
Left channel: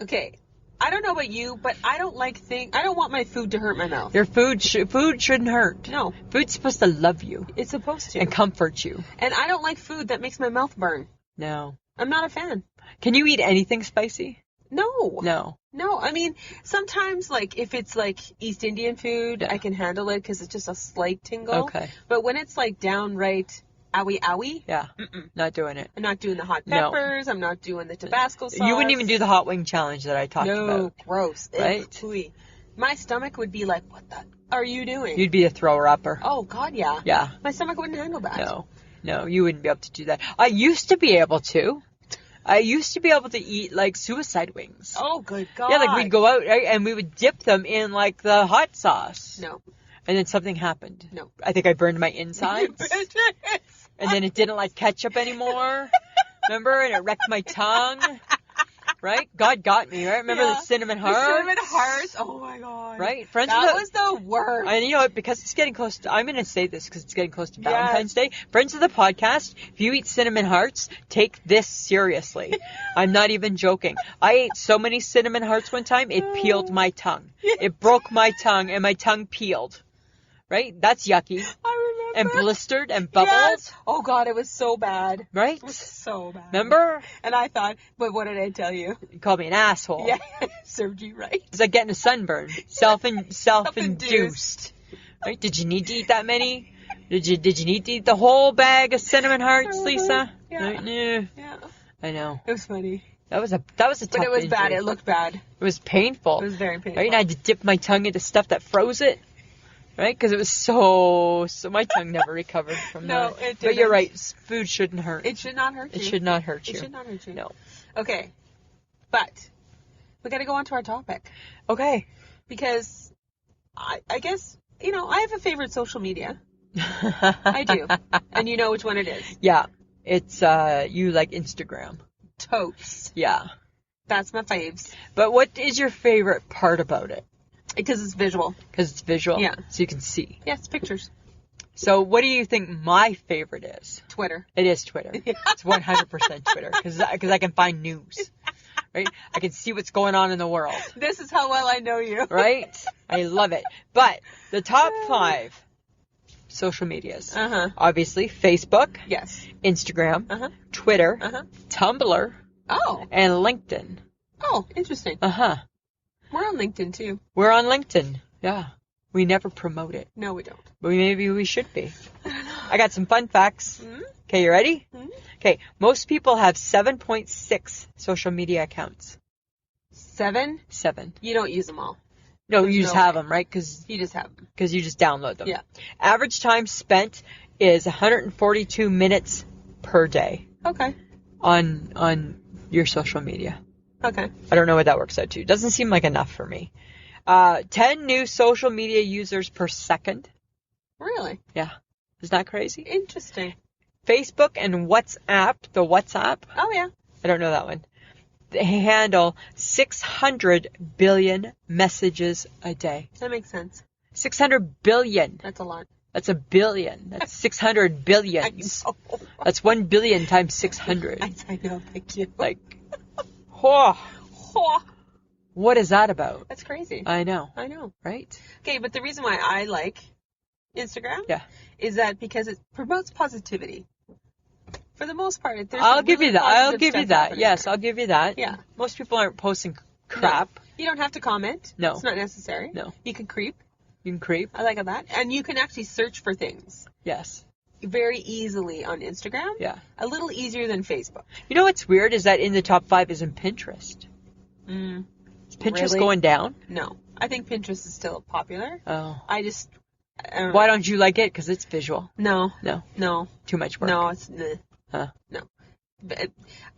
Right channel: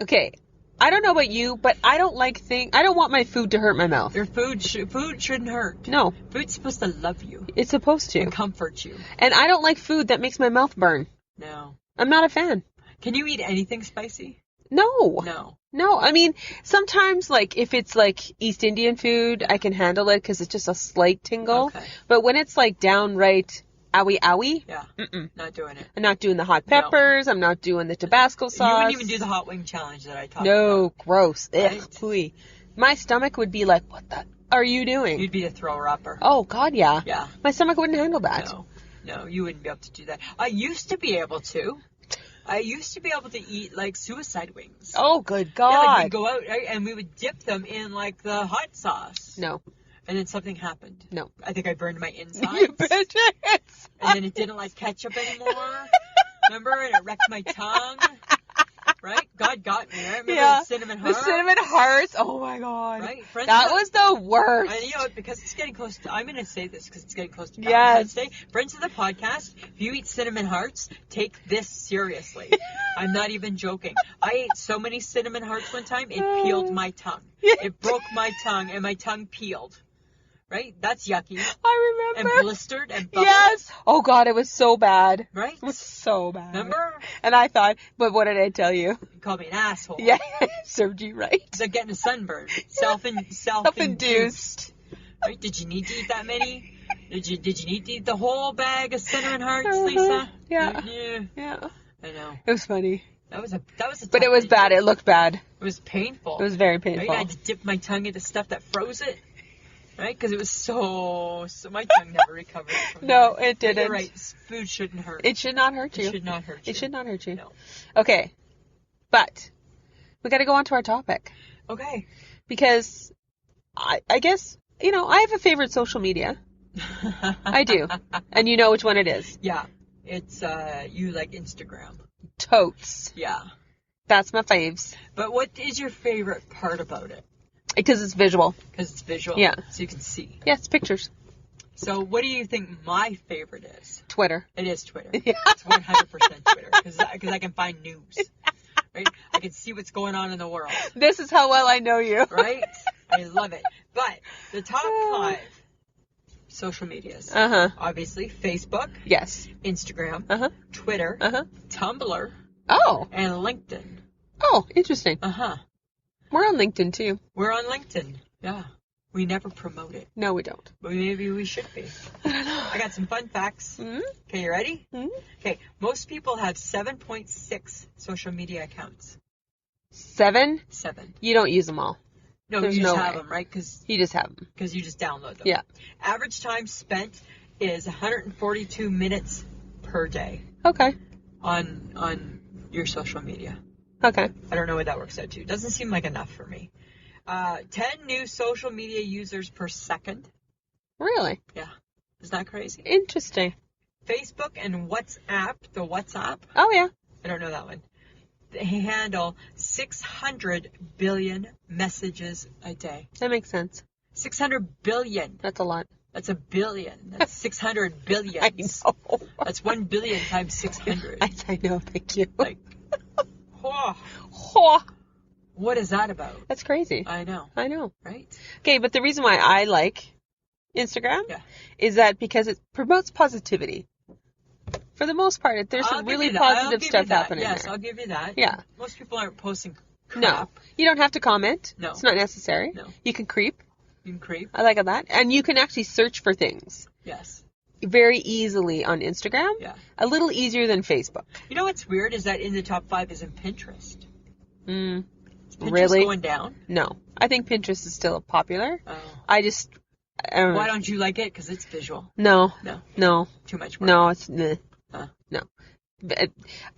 Okay, I don't know about you, but I don't want my food to hurt my mouth. Your food shouldn't hurt. No. Food's supposed to love you. It's supposed to. And comfort you. And I don't like food that makes my mouth burn. No. I'm not a fan. Can you eat anything spicy? No. No. I mean, sometimes, like, if it's, like, East Indian food, I can handle it because it's just a slight tingle. Okay. But when it's, like, downright owie, Yeah. Not doing it. I'm not doing the hot peppers. No. I'm not doing the Tabasco sauce. You wouldn't even do the hot wing challenge that I talked about. No, gross. Right? Ugh, my stomach would be like, what the are you doing? You'd be a thrower-upper. Oh, God, yeah. Yeah. My stomach wouldn't handle that. No, you wouldn't be able to do that. I used to be able to. Eat, like, suicide wings. Oh, good God. Yeah, like, we'd go out, right, and we would dip them in, like, the hot sauce. No. And then something happened. No. I think I burned my insides. You burned it. And then it didn't like ketchup anymore. Remember? And it wrecked my tongue. Right? God got me, right? Remember the cinnamon hearts? The cinnamon hearts. Oh my God. Right? That was the worst. And you know what? Because it's getting close to, I'm going to say this because it's getting close to Valentine's Day. Friends of the podcast, if you eat cinnamon hearts, take this seriously. I'm not even joking. I ate so many cinnamon hearts one time, it peeled my tongue. It broke my tongue and my tongue peeled. Right? That's yucky. I remember. And blistered and bubbled. Yes. Oh, God, it was so bad. Right? It was so bad. Remember? And I thought, but what did I tell you? You called me an asshole. Yeah, served you right. It's like getting a sunburn. Self-induced. Right? Did you need to eat that many? Did you need to eat the whole bag of cinnamon hearts, Lisa? Yeah. Yeah. I know. It was funny. That was a tough But it was injury. bad. It looked bad. It was painful. It was very painful. Right? And I had to dip my tongue into stuff that froze it. Right? Because it was so my tongue never recovered from that. No, it didn't. But you're right. Food shouldn't hurt. It should not hurt you. It should not hurt you. It should not hurt you. No. Okay. But we got to go on to our topic. Okay. Because I guess, I have a favorite social media. I do. And you know which one it is. Yeah. It's, you like Instagram. Totes. Yeah. That's my faves. But what is your favorite part about it? Because it's visual. Because it's visual? Yeah. So you can see. Yes, pictures. So what do you think my favorite is? Twitter. It is Twitter. Yeah. It's 100% Twitter. Because I can find news. Right? I can see what's going on in the world. This is how well I know you. Right? I love it. But the top 5 social medias. Obviously, Facebook. Yes. Instagram. Twitter. Tumblr. Oh. And LinkedIn. Oh, interesting. We're on LinkedIn, too. We're on LinkedIn. Yeah. We never promote it. No, we don't. But maybe we should be. I don't know. I got some fun facts. Mm-hmm. Okay, you ready? Mm-hmm. Okay, most people have 7.6 social media accounts. 7? 7. You don't use them all. No, There's you just no have way. them, right? Because You just have them. you just download them. Yeah. Average time spent is 142 minutes per day Okay. on your social media. Okay. I don't know what that works out to. Doesn't seem like enough for me. 10 new social media users per second. Really? Yeah. Isn't that crazy? Interesting. Facebook and WhatsApp, the WhatsApp, Oh, yeah. I don't know that one. They handle 600 billion messages a day. That makes sense. 600 billion. That's a lot. That's a billion. That's 600 billions. I know. That's 1 billion times 600. I know. Thank you. Like, whoa. What is that about? That's crazy. I know. Right? Okay, but the reason why I like Instagram is that because it promotes positivity. For the most part, there's some really positive stuff happening Yes, there. I'll give you that. Yeah. Most people aren't posting crap. No. You don't have to comment. No. It's not necessary. No. You can creep. You can creep. I like that. And you can actually search for things. Yes. very easily on Instagram. Yeah. A little easier than Facebook. You know what's weird is that in the top 5 isn't Pinterest. Is Pinterest Really? going down? No. I think Pinterest is still popular. Oh. I don't know. Why don't you like it? Because it's visual. No. No. No. Too much work. No, it's no. Huh.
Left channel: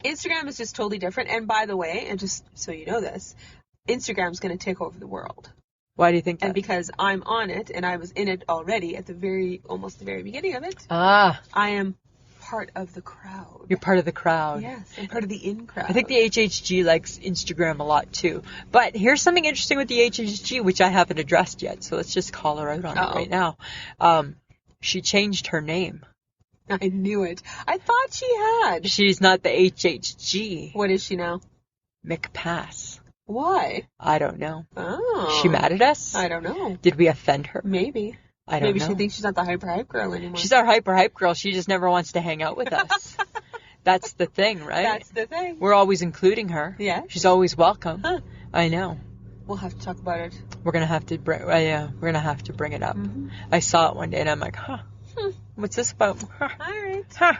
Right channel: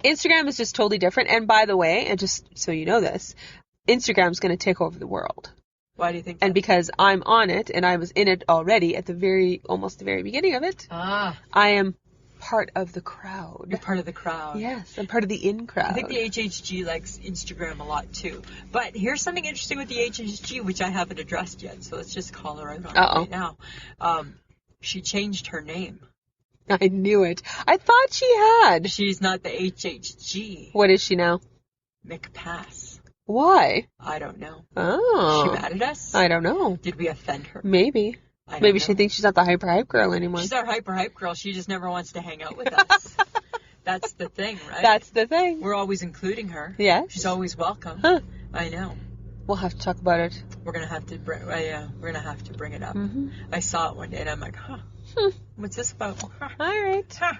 Instagram is just totally different. And by the way, and just so you know this, Instagram's going to take over the world. Why do you think that? And because I'm on it and I was in it already at almost the very beginning of it, I am part of the crowd. You're part of the crowd. Yes, I'm part of the in crowd. I think the HHG likes Instagram a lot too. But here's something interesting with the HHG, which I haven't addressed yet. So let's just call her out on it right now. She changed her name. I knew it. I thought she had. She's not the HHG. What is she now? McPass. Why? I don't know. Oh. She mad at us? I don't know. Did we offend her? Maybe. I don't Maybe know. she thinks she's not the hype girl anymore. She's our hype girl. She just never wants to hang out with us. That's the thing, right? That's the thing. We're always including her. Yeah. She's always welcome. Huh. I know. We'll have to talk about it. We're gonna have to bring. We're gonna have to bring it up. Mm-hmm. I saw it one day and I'm like, what's this about? All right. Huh.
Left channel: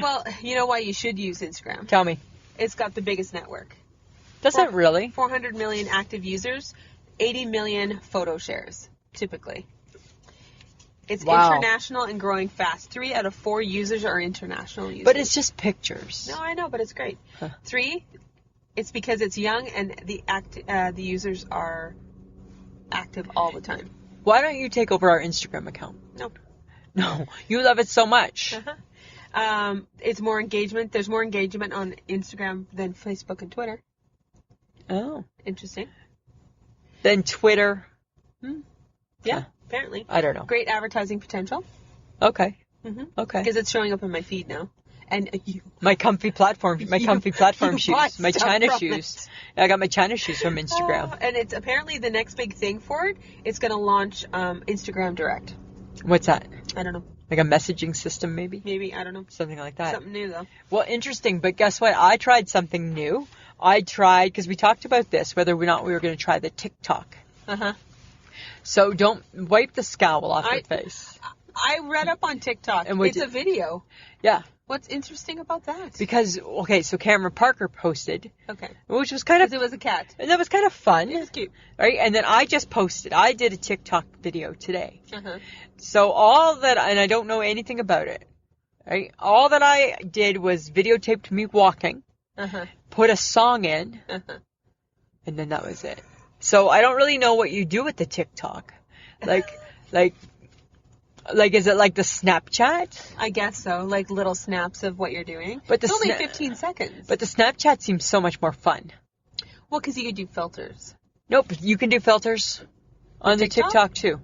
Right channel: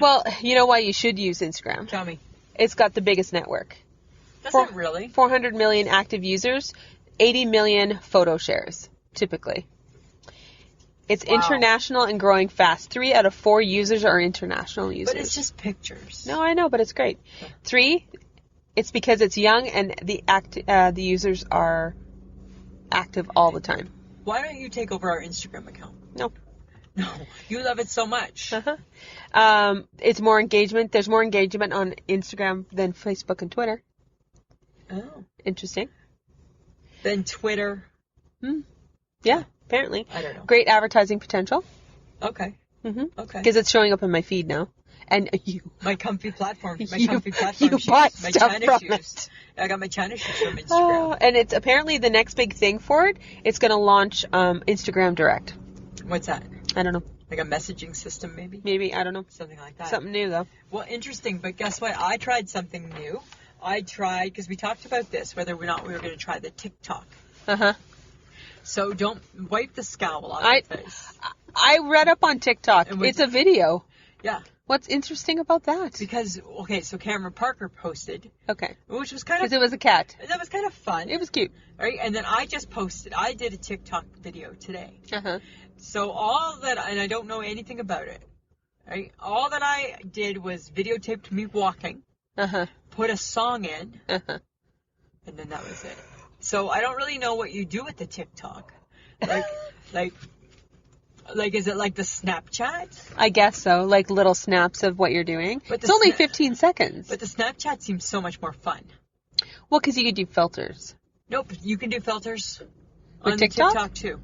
Well, you know why you should use Instagram? Tell me. It's got the biggest network. Does it really? 400 million active users, 80 million photo shares, typically. It's international and growing fast. 3 out of 4 users are international users. But it's just pictures. No, I know, but it's great. Huh. 3, it's because it's young and the users are active all the time. Why don't you take over our Instagram account? No. No, you love it so much. Uh-huh. It's more engagement. There's more engagement on Instagram than Facebook and Twitter. Oh. Interesting. Then Twitter. Yeah, apparently. I don't know. Great advertising potential. Okay. Mm-hmm. Okay. Because it's showing up in my feed now. And you. My comfy platform shoes. My China shoes. I got my China shoes from Instagram. And it's apparently the next big thing for it. It's going to launch Instagram Direct. What's that? I don't know. Like a messaging system, maybe? Maybe, I don't know. Something like that. Something new, though. Well, interesting. But guess what? I tried something new. Because we talked about this, whether or not we were going to try the TikTok. Uh-huh. So don't wipe the scowl off your face. I read up on TikTok. And it's a video. Yeah. What's interesting about that? Because, so Cameron Parker posted. Okay. Which was kind of... Because it was a cat. And that was kind of fun. It was cute. Right? And then I just posted. I did a TikTok video today. Uh-huh. So and I don't know anything about it. Right? All that I did was videotaped me walking. Uh-huh. Put a song in. Uh-huh. And then that was it. So I don't really know what you do with the TikTok. Like, is it like the Snapchat? I guess so. Like little snaps of what you're doing. But it's only 15 seconds. But the Snapchat seems so much more fun. Well, because you could do filters. Nope. You can do filters on the TikTok too.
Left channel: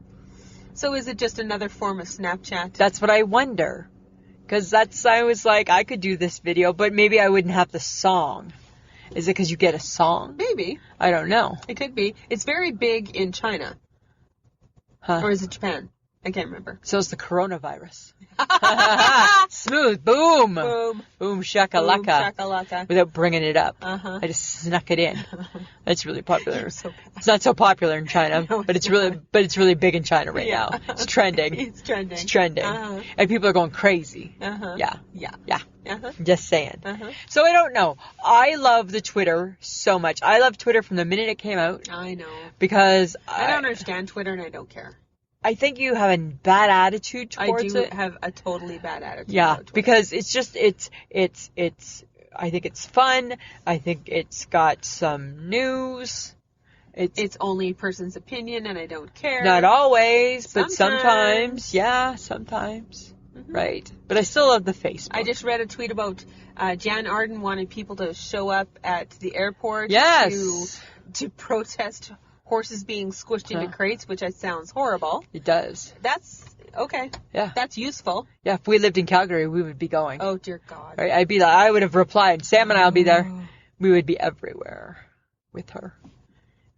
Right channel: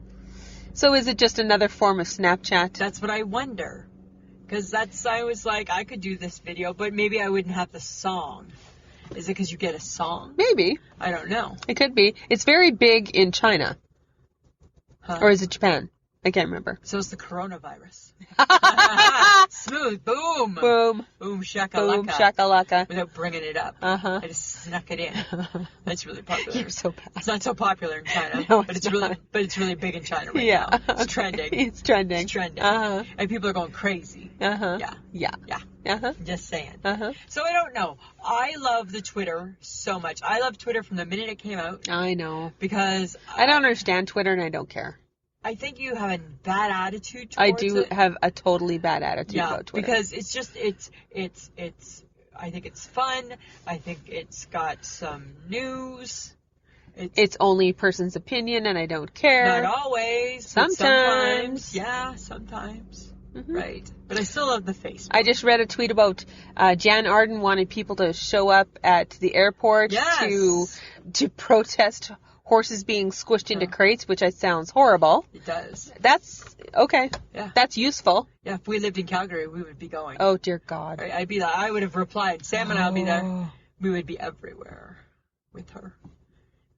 So is it just another form of Snapchat? That's what I wonder. Because I was like, I could do this video, but maybe I wouldn't have the song. Is it because you get a song? Maybe. I don't know. It could be. It's very big in China. Huh. Or is it Japan? I can't remember. So it's the coronavirus. Smooth. Boom. Boom. Boom shakalaka. Boom shakalaka. Without bringing it up. Uh-huh. I just snuck it in. That's really popular. You're so bad. It's not so popular in China, No, but it's really big in China right now. It's trending. It's trending. It's trending. Uh-huh. And people are going crazy. Uh-huh. Yeah. Yeah. Yeah. Uh-huh. Just saying. Uh-huh. So I don't know. I love the Twitter so much. I love Twitter from the minute it came out. I know. Because I don't understand Twitter and I don't care. I think you have a bad attitude towards it. I do have a totally bad attitude about Twitter. Because it's just, I think it's fun. I think it's got some news. It's only a person's opinion and I don't care. Not always, but Sometimes. Yeah, sometimes. Mm-hmm. Right. But I still love the Facebook. I just read a tweet about Jan Arden wanted people to show up at the airport to protest horses being squished into crates, which sounds horrible. It does. That's okay. Yeah. That's useful. Yeah, if we lived in Calgary, we would be going. Oh, dear God. Right? I would have replied, Sam and I will be there. We would be everywhere with her.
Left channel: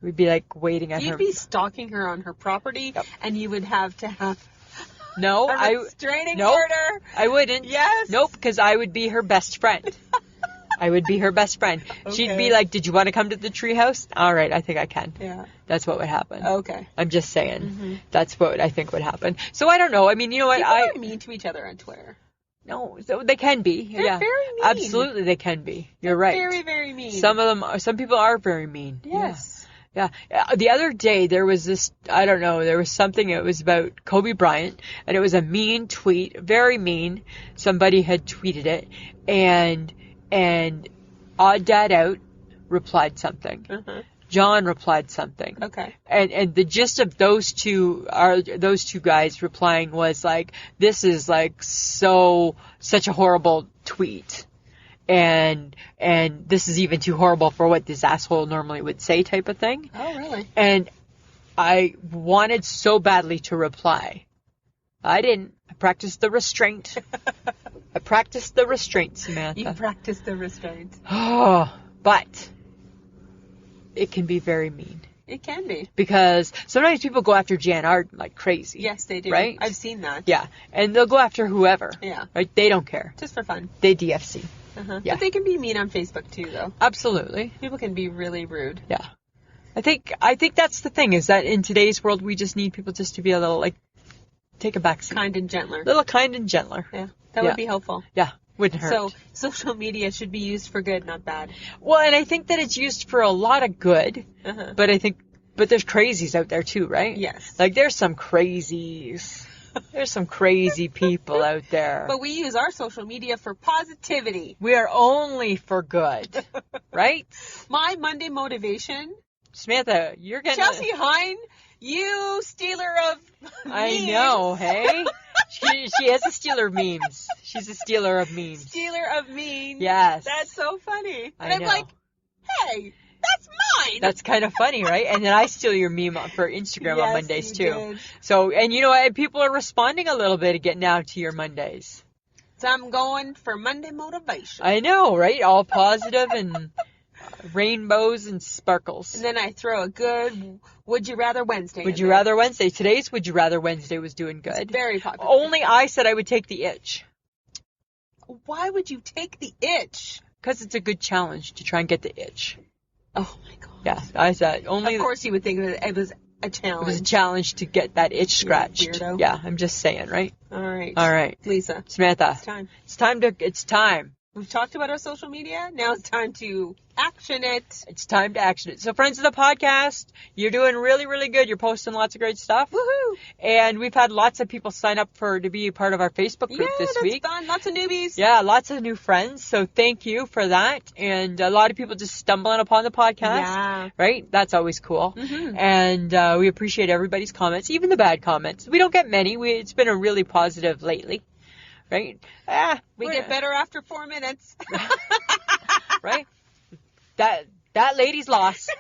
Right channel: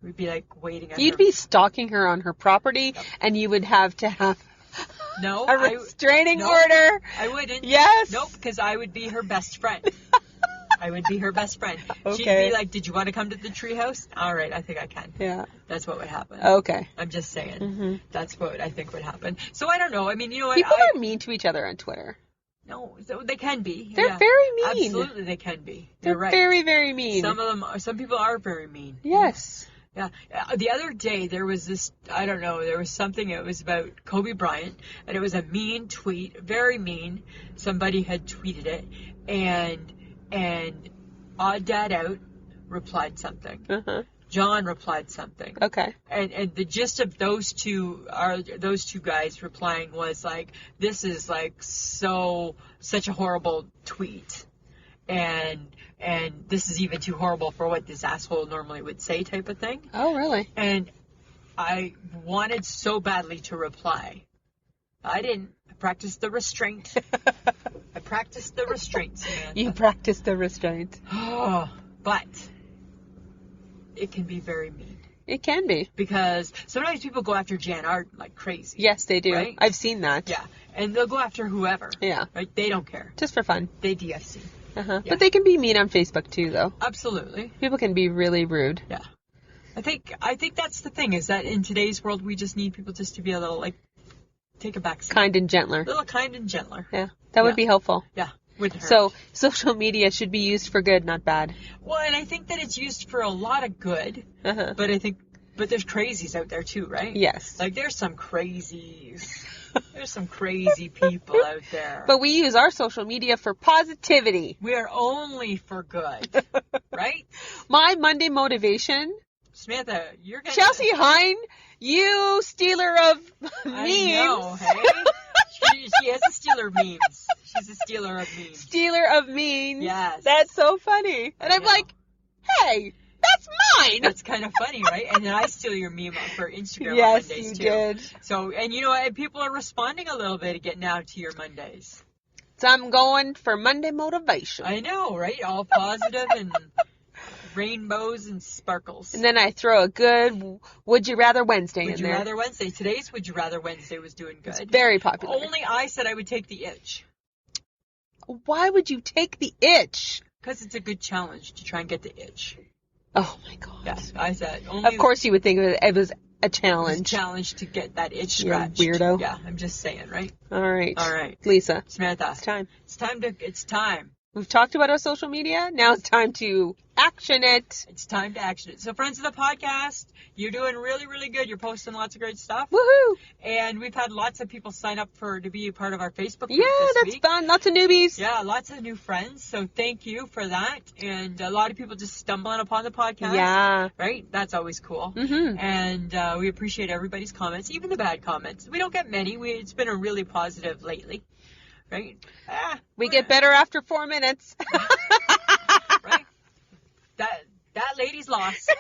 We'd be like waiting at her. You'd be stalking her on her property, and you would have to have a restraining order. I wouldn't. Yes. Nope, because I would be her best friend. I would be her best friend. Okay. She'd be like, did you want to come to the treehouse? All right, I think I can. Yeah. That's what would happen. Okay. I'm just saying. That's what I think would happen. So I don't know. I mean, you know what? People are mean to each other on Twitter. No, so they can be. They're very mean. Absolutely, they can be. You're right. Very, very mean. Some people are very mean. Yes. Yeah. The other day there was this, I don't know, there was something, it was about Kobe Bryant, and it was a mean tweet, very mean. Somebody had tweeted it, and Odd Dad Out replied something. John replied something. Okay. And the gist of those two guys replying was like, this is like such a horrible tweet. And this is even too horrible for what this asshole normally would say, type of thing. Oh, really? And I wanted so badly to reply. I didn't. I practiced the restraint. Samantha. You practiced the restraint. Oh, but it can be very mean. It can be. Because sometimes people go after Jan Arden like crazy. Yes, they do. Right? I've seen that. Yeah. And they'll go after whoever. Yeah. Right? They don't care. Just for fun. They DFC. Yeah. Yeah. But they can be mean on Facebook too, though. Absolutely. People can be really rude. Yeah. I think that's the thing, is that in today's world we just need people just to be a little, like, take a back seat. Kind and gentler. A little kind and gentler. Yeah. That would be helpful. Yeah. Wouldn't hurt. So, social media should be used for good, not bad. Well, and I think that it's used for a lot of good, but but there's crazies out there too, right? Yes. Like, there's some crazies. There's some crazy people out there. But we use our social media for positivity. We are only for good, right? My Monday motivation. Samantha, you're gonna... Chelsea Hine, you stealer of memes. I know, hey? She has a stealer memes. She's a stealer of memes. Stealer of memes. Yes. That's so funny. And I'm like, hey, that's mine. That's kind of funny, right? And then I steal your meme for Instagram on Mondays too. Did. So, and you know what? People are responding a little bit again now to your Mondays. So I'm going for Monday motivation. I know, right? All positive and rainbows and sparkles. And then I throw a good Would You Rather Wednesday Would You Rather Wednesday. Today's Would You Rather Wednesday was doing good. It's very popular. Only I said I would take the itch. Why would you take the itch? Because it's a good challenge to try and get the itch. Oh my God. Yeah, I said only. Of course you would think it was a challenge. It was a challenge to get that itch scratched. Weirdo. Yeah, I'm just saying, right? All right. All right. Lisa. Samantha. It's time. It's time. We've talked about our social media. Now it's time to action it. It's time to action it. So, friends of the podcast, you're doing really, really good. You're posting lots of great stuff. Woohoo! And we've had lots of people sign up to be a part of our Facebook group this week. Yeah, that's fun. Lots of newbies. Yeah, lots of new friends. So thank you for that. And a lot of people just stumbling upon the podcast. Yeah. Right? That's always cool. Mm-hmm. And we appreciate everybody's comments, even the bad comments. We don't get many. It's been a really positive lately. Right? We get better after 4 minutes. Right? That lady's lost.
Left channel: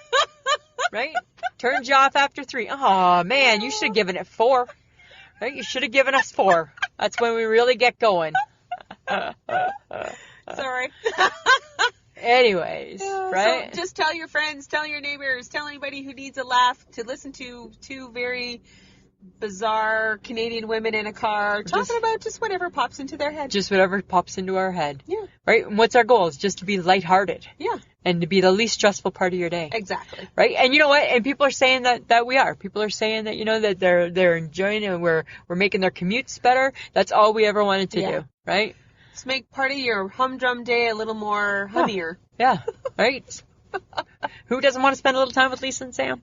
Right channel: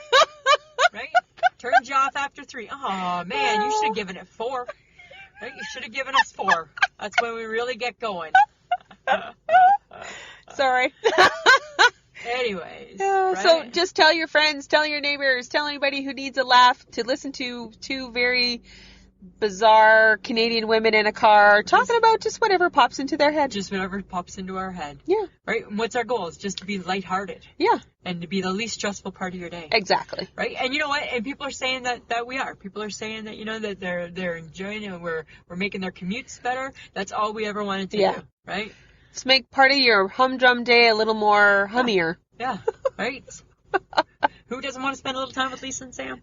Right? Turns you off after 3. Oh, man, you should have given it 4. Right? You should have given us 4. That's when we really get going. Sorry. Anyways, right? So just tell your friends, tell your neighbors, tell anybody who needs a laugh to listen to two very bizarre Canadian women in a car talking about just whatever pops into their head. Just whatever pops into our head. Yeah. Right? And what's our goal? It's just to be lighthearted. Yeah. And to be the least stressful part of your day. Exactly. Right? And you know what? And people are saying that we are. People are saying that, you know, that they're enjoying it and we're making their commutes better. That's all we ever wanted to do. Right? Just make part of your humdrum day a little more hummier. Yeah. Right? Who doesn't want to spend a little time with Lisa and Sam?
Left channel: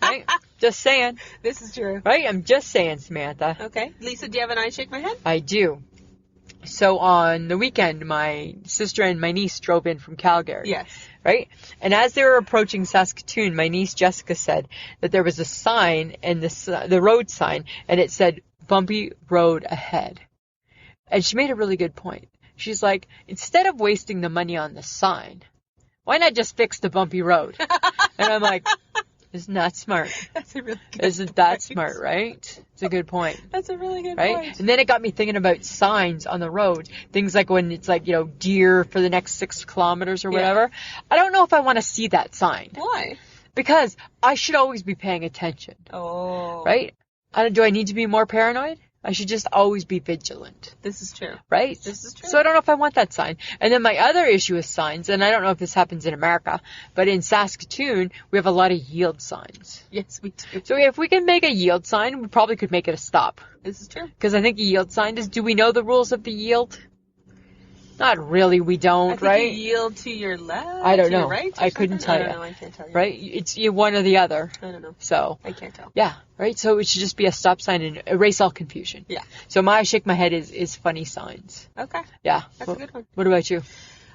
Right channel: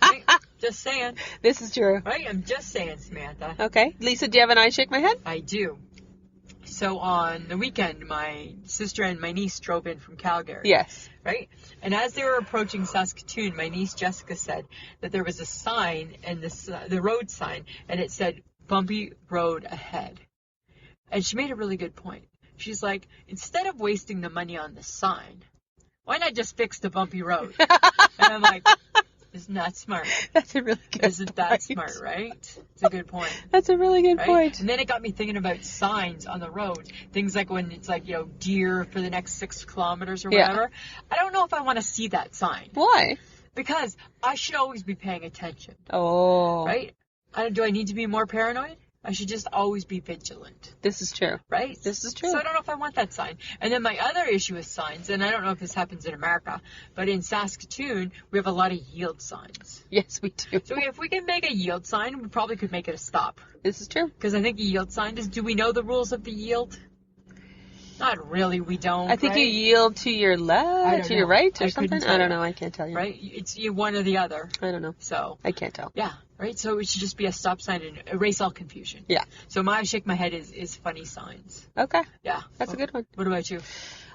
Right? Just saying. This is true. Right? I'm just saying, Samantha. Okay. Lisa, do you have an I shake my head? I do. So on the weekend, my sister and my niece drove in from Calgary. Yes. Right? And as they were approaching Saskatoon, my niece Jessica said that there was a sign, and the road sign, and it said, bumpy road ahead. And she made a really good point. She's like, instead of wasting the money on the sign, why not just fix the bumpy road? And I'm like, isn't that smart? That's a really good point. Isn't that smart, right? It's a good point. That's a really good right? point. And then it got me thinking about signs on the road. Things like when it's like, you know, deer for the next 6 kilometers or whatever. I don't know if I want to see that sign. Why? Because I should always be paying attention. Oh. Right? Do I need to be more paranoid? I should just always be vigilant. This is true. Right? This is true. So I don't know if I want that sign. And then my other issue with signs, and I don't know if this happens in America, but in Saskatoon, we have a lot of yield signs. Yes, we do. So if we can make a yield sign, we probably could make it a stop. This is true. Because I think a yield sign is, do we know the rules of the yield? Not really, we don't, I think right? you yield to your left, I don't to your know. right, or I couldn't something? tell I don't you. know. I can't tell you. Right? It's one or the other. I don't know. So, I can't tell. yeah, right? So it should just be a stop sign and erase all confusion. Yeah. So my shake my head is funny signs. Okay. Yeah. That's a good one. What about you?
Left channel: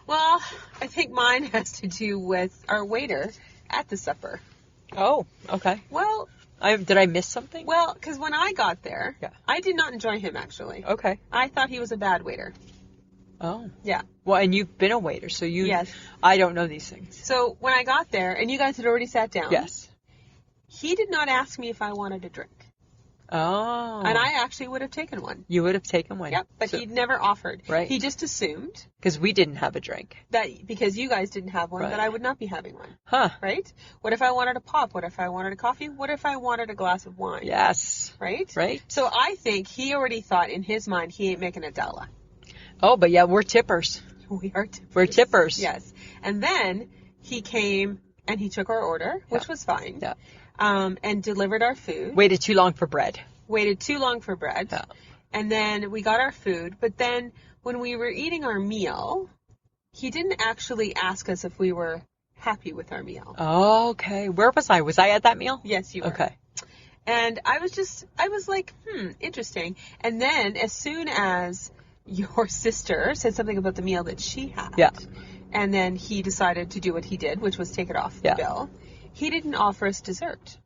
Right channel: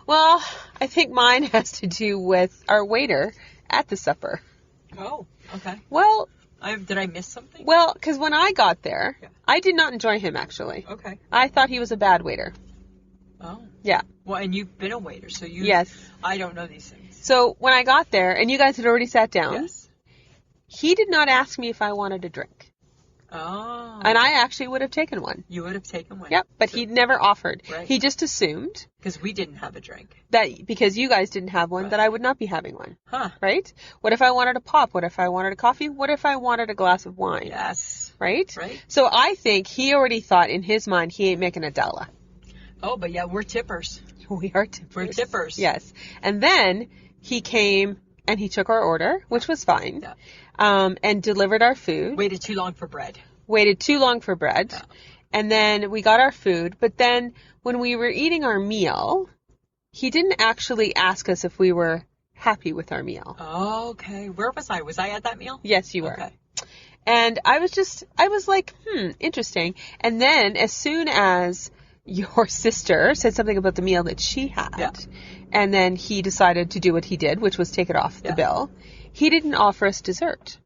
Well, I think mine has to do with our waiter at the supper. Oh, okay. Well, Did I miss something? well, because when I got there, Yeah. I did not enjoy him, actually. Okay. I thought he was a bad waiter. Oh. Yeah. Well, and you've been a waiter, so you... Yes. I don't know these things. So when I got there, and you guys had already sat down, Yes. he did not ask me if I wanted a drink. Oh. And I actually would have taken one. You would have taken one. Yep, but he never offered. Right. He just assumed Because we didn't have a drink. that because you guys didn't have one, Right. that I would not be having one. Huh. Right? What if I wanted a pop? What if I wanted a coffee? What if I wanted a glass of wine? Yes. Right? Right? So I think he already thought in his mind he ain't making a dollar. Oh, but yeah, we're tippers. We are tippers. We're tippers. Yes. And then he came and he took our order, which was fine. Yeah. And delivered our food. Waited too long for bread. Waited too long for bread. Yeah. And then we got our food. But then when we were eating our meal, he didn't actually ask us if we were happy with our meal. Oh, okay. Where was I? Was I at that meal? Yes, you were. Okay. And I was like, interesting. And then as soon as your sister said something about the meal that she had, Yeah. and then he decided to do what he did, which was take it off the Yeah. bill, he didn't offer us dessert.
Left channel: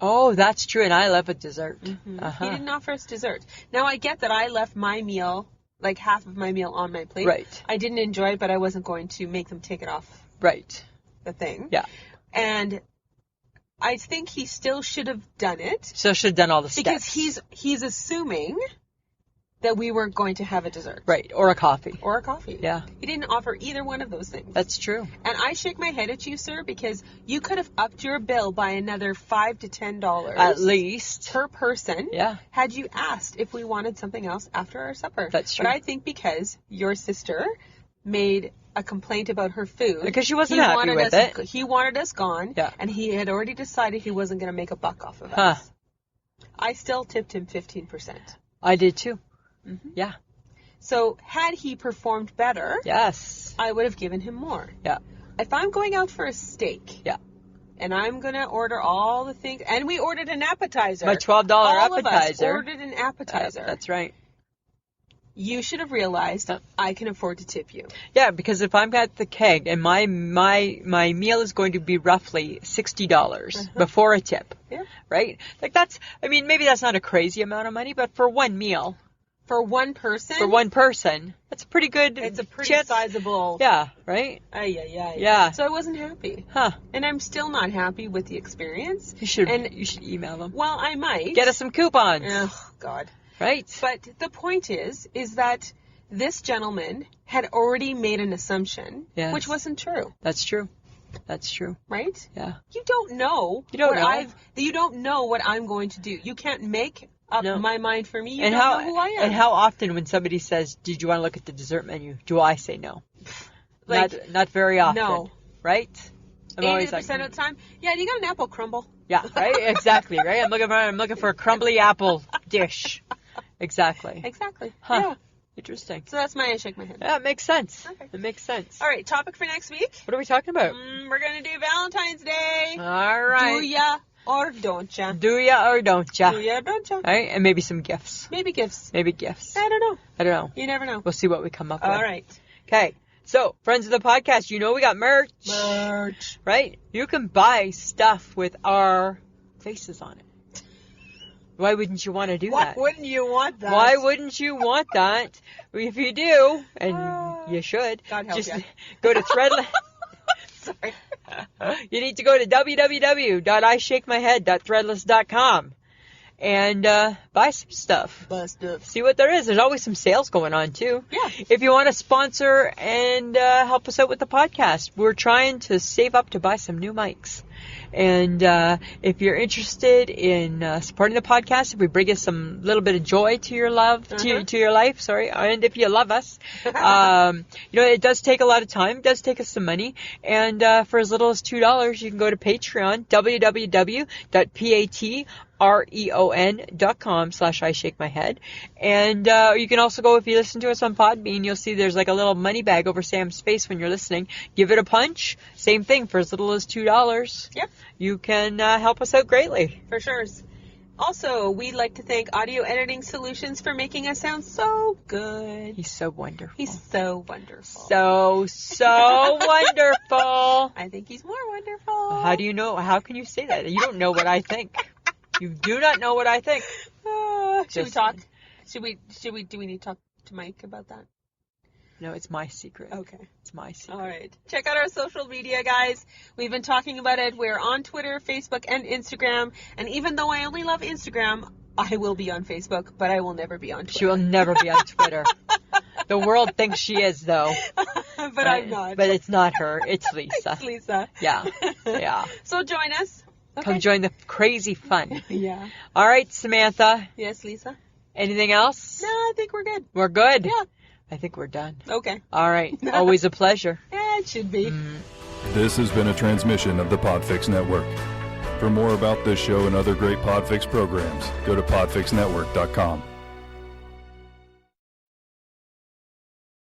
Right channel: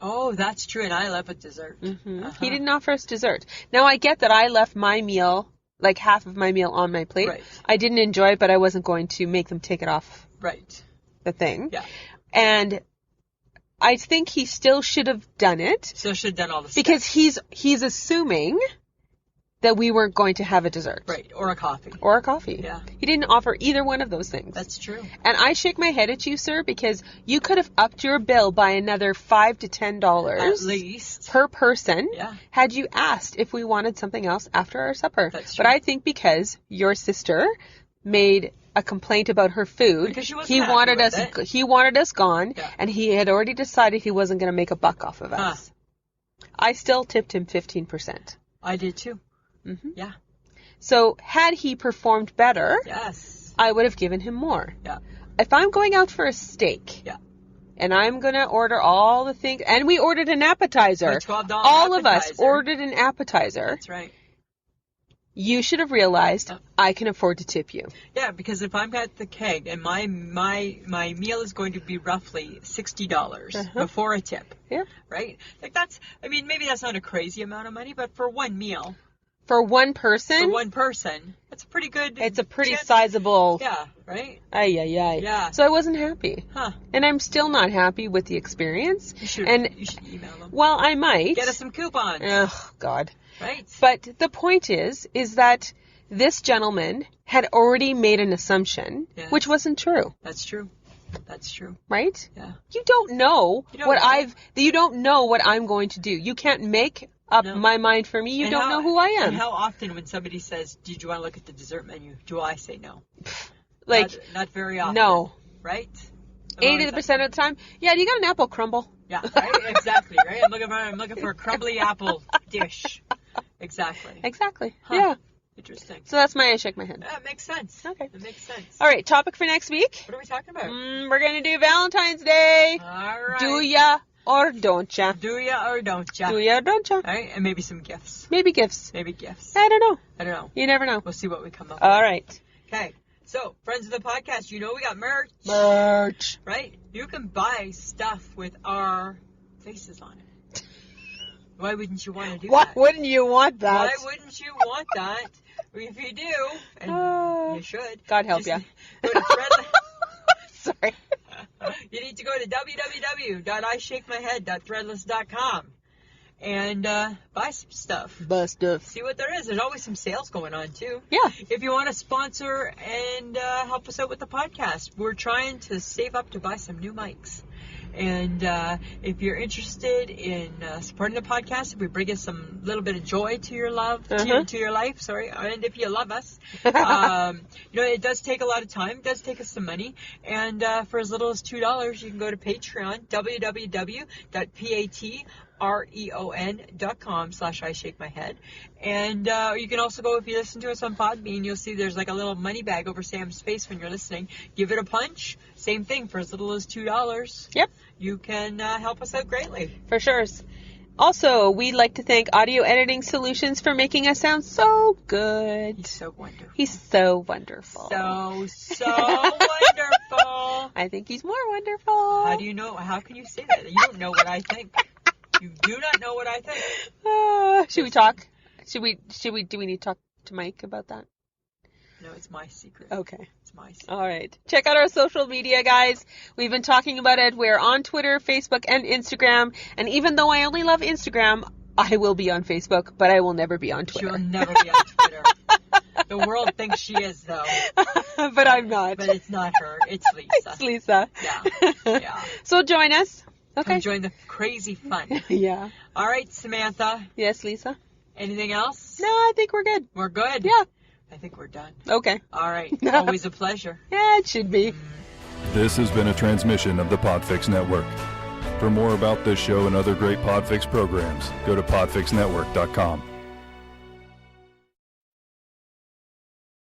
Oh, that's true. And I love a dessert. He didn't offer us dessert. Now, I get that I left my meal, like half of my meal on my plate. Right. I didn't enjoy it, but I wasn't going to make them take it off Right. the thing. Yeah. And I think he still should have done it So should have done all the steps. because he's assuming that we weren't going to have a dessert. Right. Or a coffee. Or a coffee. Yeah. He didn't offer either one of those things. That's true. And I shake my head at you, sir, because you could have upped your bill by another $5 to $10 At least. per person. Yeah. Had you asked if we wanted something else after our supper. That's true. But I think because your sister made a complaint about her food, Because she wasn't happy with it. He wanted us gone, Yeah. and he had already decided he wasn't going to make a buck off of us. I still tipped him 15%. I did too. Mm-hmm. Yeah. So had he performed better, Yes. I would have given him more. Yeah. If I'm going out for a steak, Yeah. and I'm going to order all the things, and we ordered an appetizer. A $12 all appetizer. of us ordered an appetizer. That's right. You should have realized Yeah. I can afford to tip you. Yeah, because if I'm at the keg and my meal is going to be roughly $60 before a tip, Yeah. right? Like maybe that's not a crazy amount of money, but for one meal, For one person, for one person, that's a pretty good. it's a pretty chance. sizable. Yeah, right? Ay, ay, ay. Yeah. So I wasn't happy. Huh. And I'm still not happy with the experience. You should email them. Well, I might. Get us some coupons. Oh, God. Right? But the point is that this gentleman had already made an assumption, Yes. which wasn't true, That's true. That's true. right? Yeah. You don't know You don't what know. you don't know what I'm going to do. You can't make up No. my mind for me. You don't know who I am. And how often when somebody says, "Did you want to look at the dessert menu?" do I say no? Like, not very often. no. Right? I'm always 80% of the time, yeah, do you got an apple crumble? Yeah, right? Exactly, right? I'm looking for a crumbly apple dish. Exactly. Exactly. Huh. Yeah. Interesting. So that's I shake my head. Yeah, it makes sense. Okay. It makes sense. All right, topic for next week. What are we talking about? We're going to do Valentine's Day. All right. Do ya or don't ya? Do ya or don't ya? Do ya or don't ya? All right, and maybe some gifts. Maybe gifts. Maybe gifts. I don't know. I don't know. You never know. We'll see what we come up with. All right. Okay. So, friends of the podcast, you know we got merch. Merch. Right? You can buy stuff with our faces on it. Why wouldn't you want to do that? Why wouldn't you want that? Why wouldn't you want that? If you do, and you should, God help just ya. go to Threadless. Sorry. You need to go to www.ishakemyhead.threadless.com and buy some stuff. Stuff. See what there is. There's always some sales going on, too. Yeah. If you want to sponsor and help us out with the podcast, we're trying to save up to buy some new mics. And if you're interested in supporting the podcast, if we bring you some little bit of joy to your love, to your life, and if you love us, it does take a lot of time. It does take us some money. And for as little as $2, you can go to Patreon, www.patreon.com/IShakeMyHead. And you can also go, if you listen to us on Podbean, you'll see there's like a little money bag over Sam's face when you're listening. Give it a punch. Same thing, for as little as $2. Yep. You can help us out greatly. For sure. Also, we'd like to thank Audio Editing Solutions for making us sound so good. He's so wonderful. He's so wonderful. So wonderful. I think he's more wonderful. How do you know? How can you say that? You don't know what I think. You do not know what I think. Should we talk? Do we need to talk to Mike about that? No, it's my secret. Okay. It's my secret. All right. Check out our social media, guys. We've been talking about it. We're on Twitter, Facebook, and Instagram. And even though I only love Instagram, I will be on Facebook, but I will never be on Twitter. She will never be on Twitter. The world thinks she is, though. But I'm not. But it's not her. It's Lisa. It's Lisa. Yeah. Yeah. So join us. Okay. Come join the crazy fun. Yeah. All right, Samantha. Yes, Lisa? Anything else? No, I think we're good. We're good? Yeah. I think we're done. Okay. All right. Always a pleasure. Yeah, it should be. This has been a transmission of the Podfix Network. For more about this show and other great Podfix programs, go to podfixnetwork.com.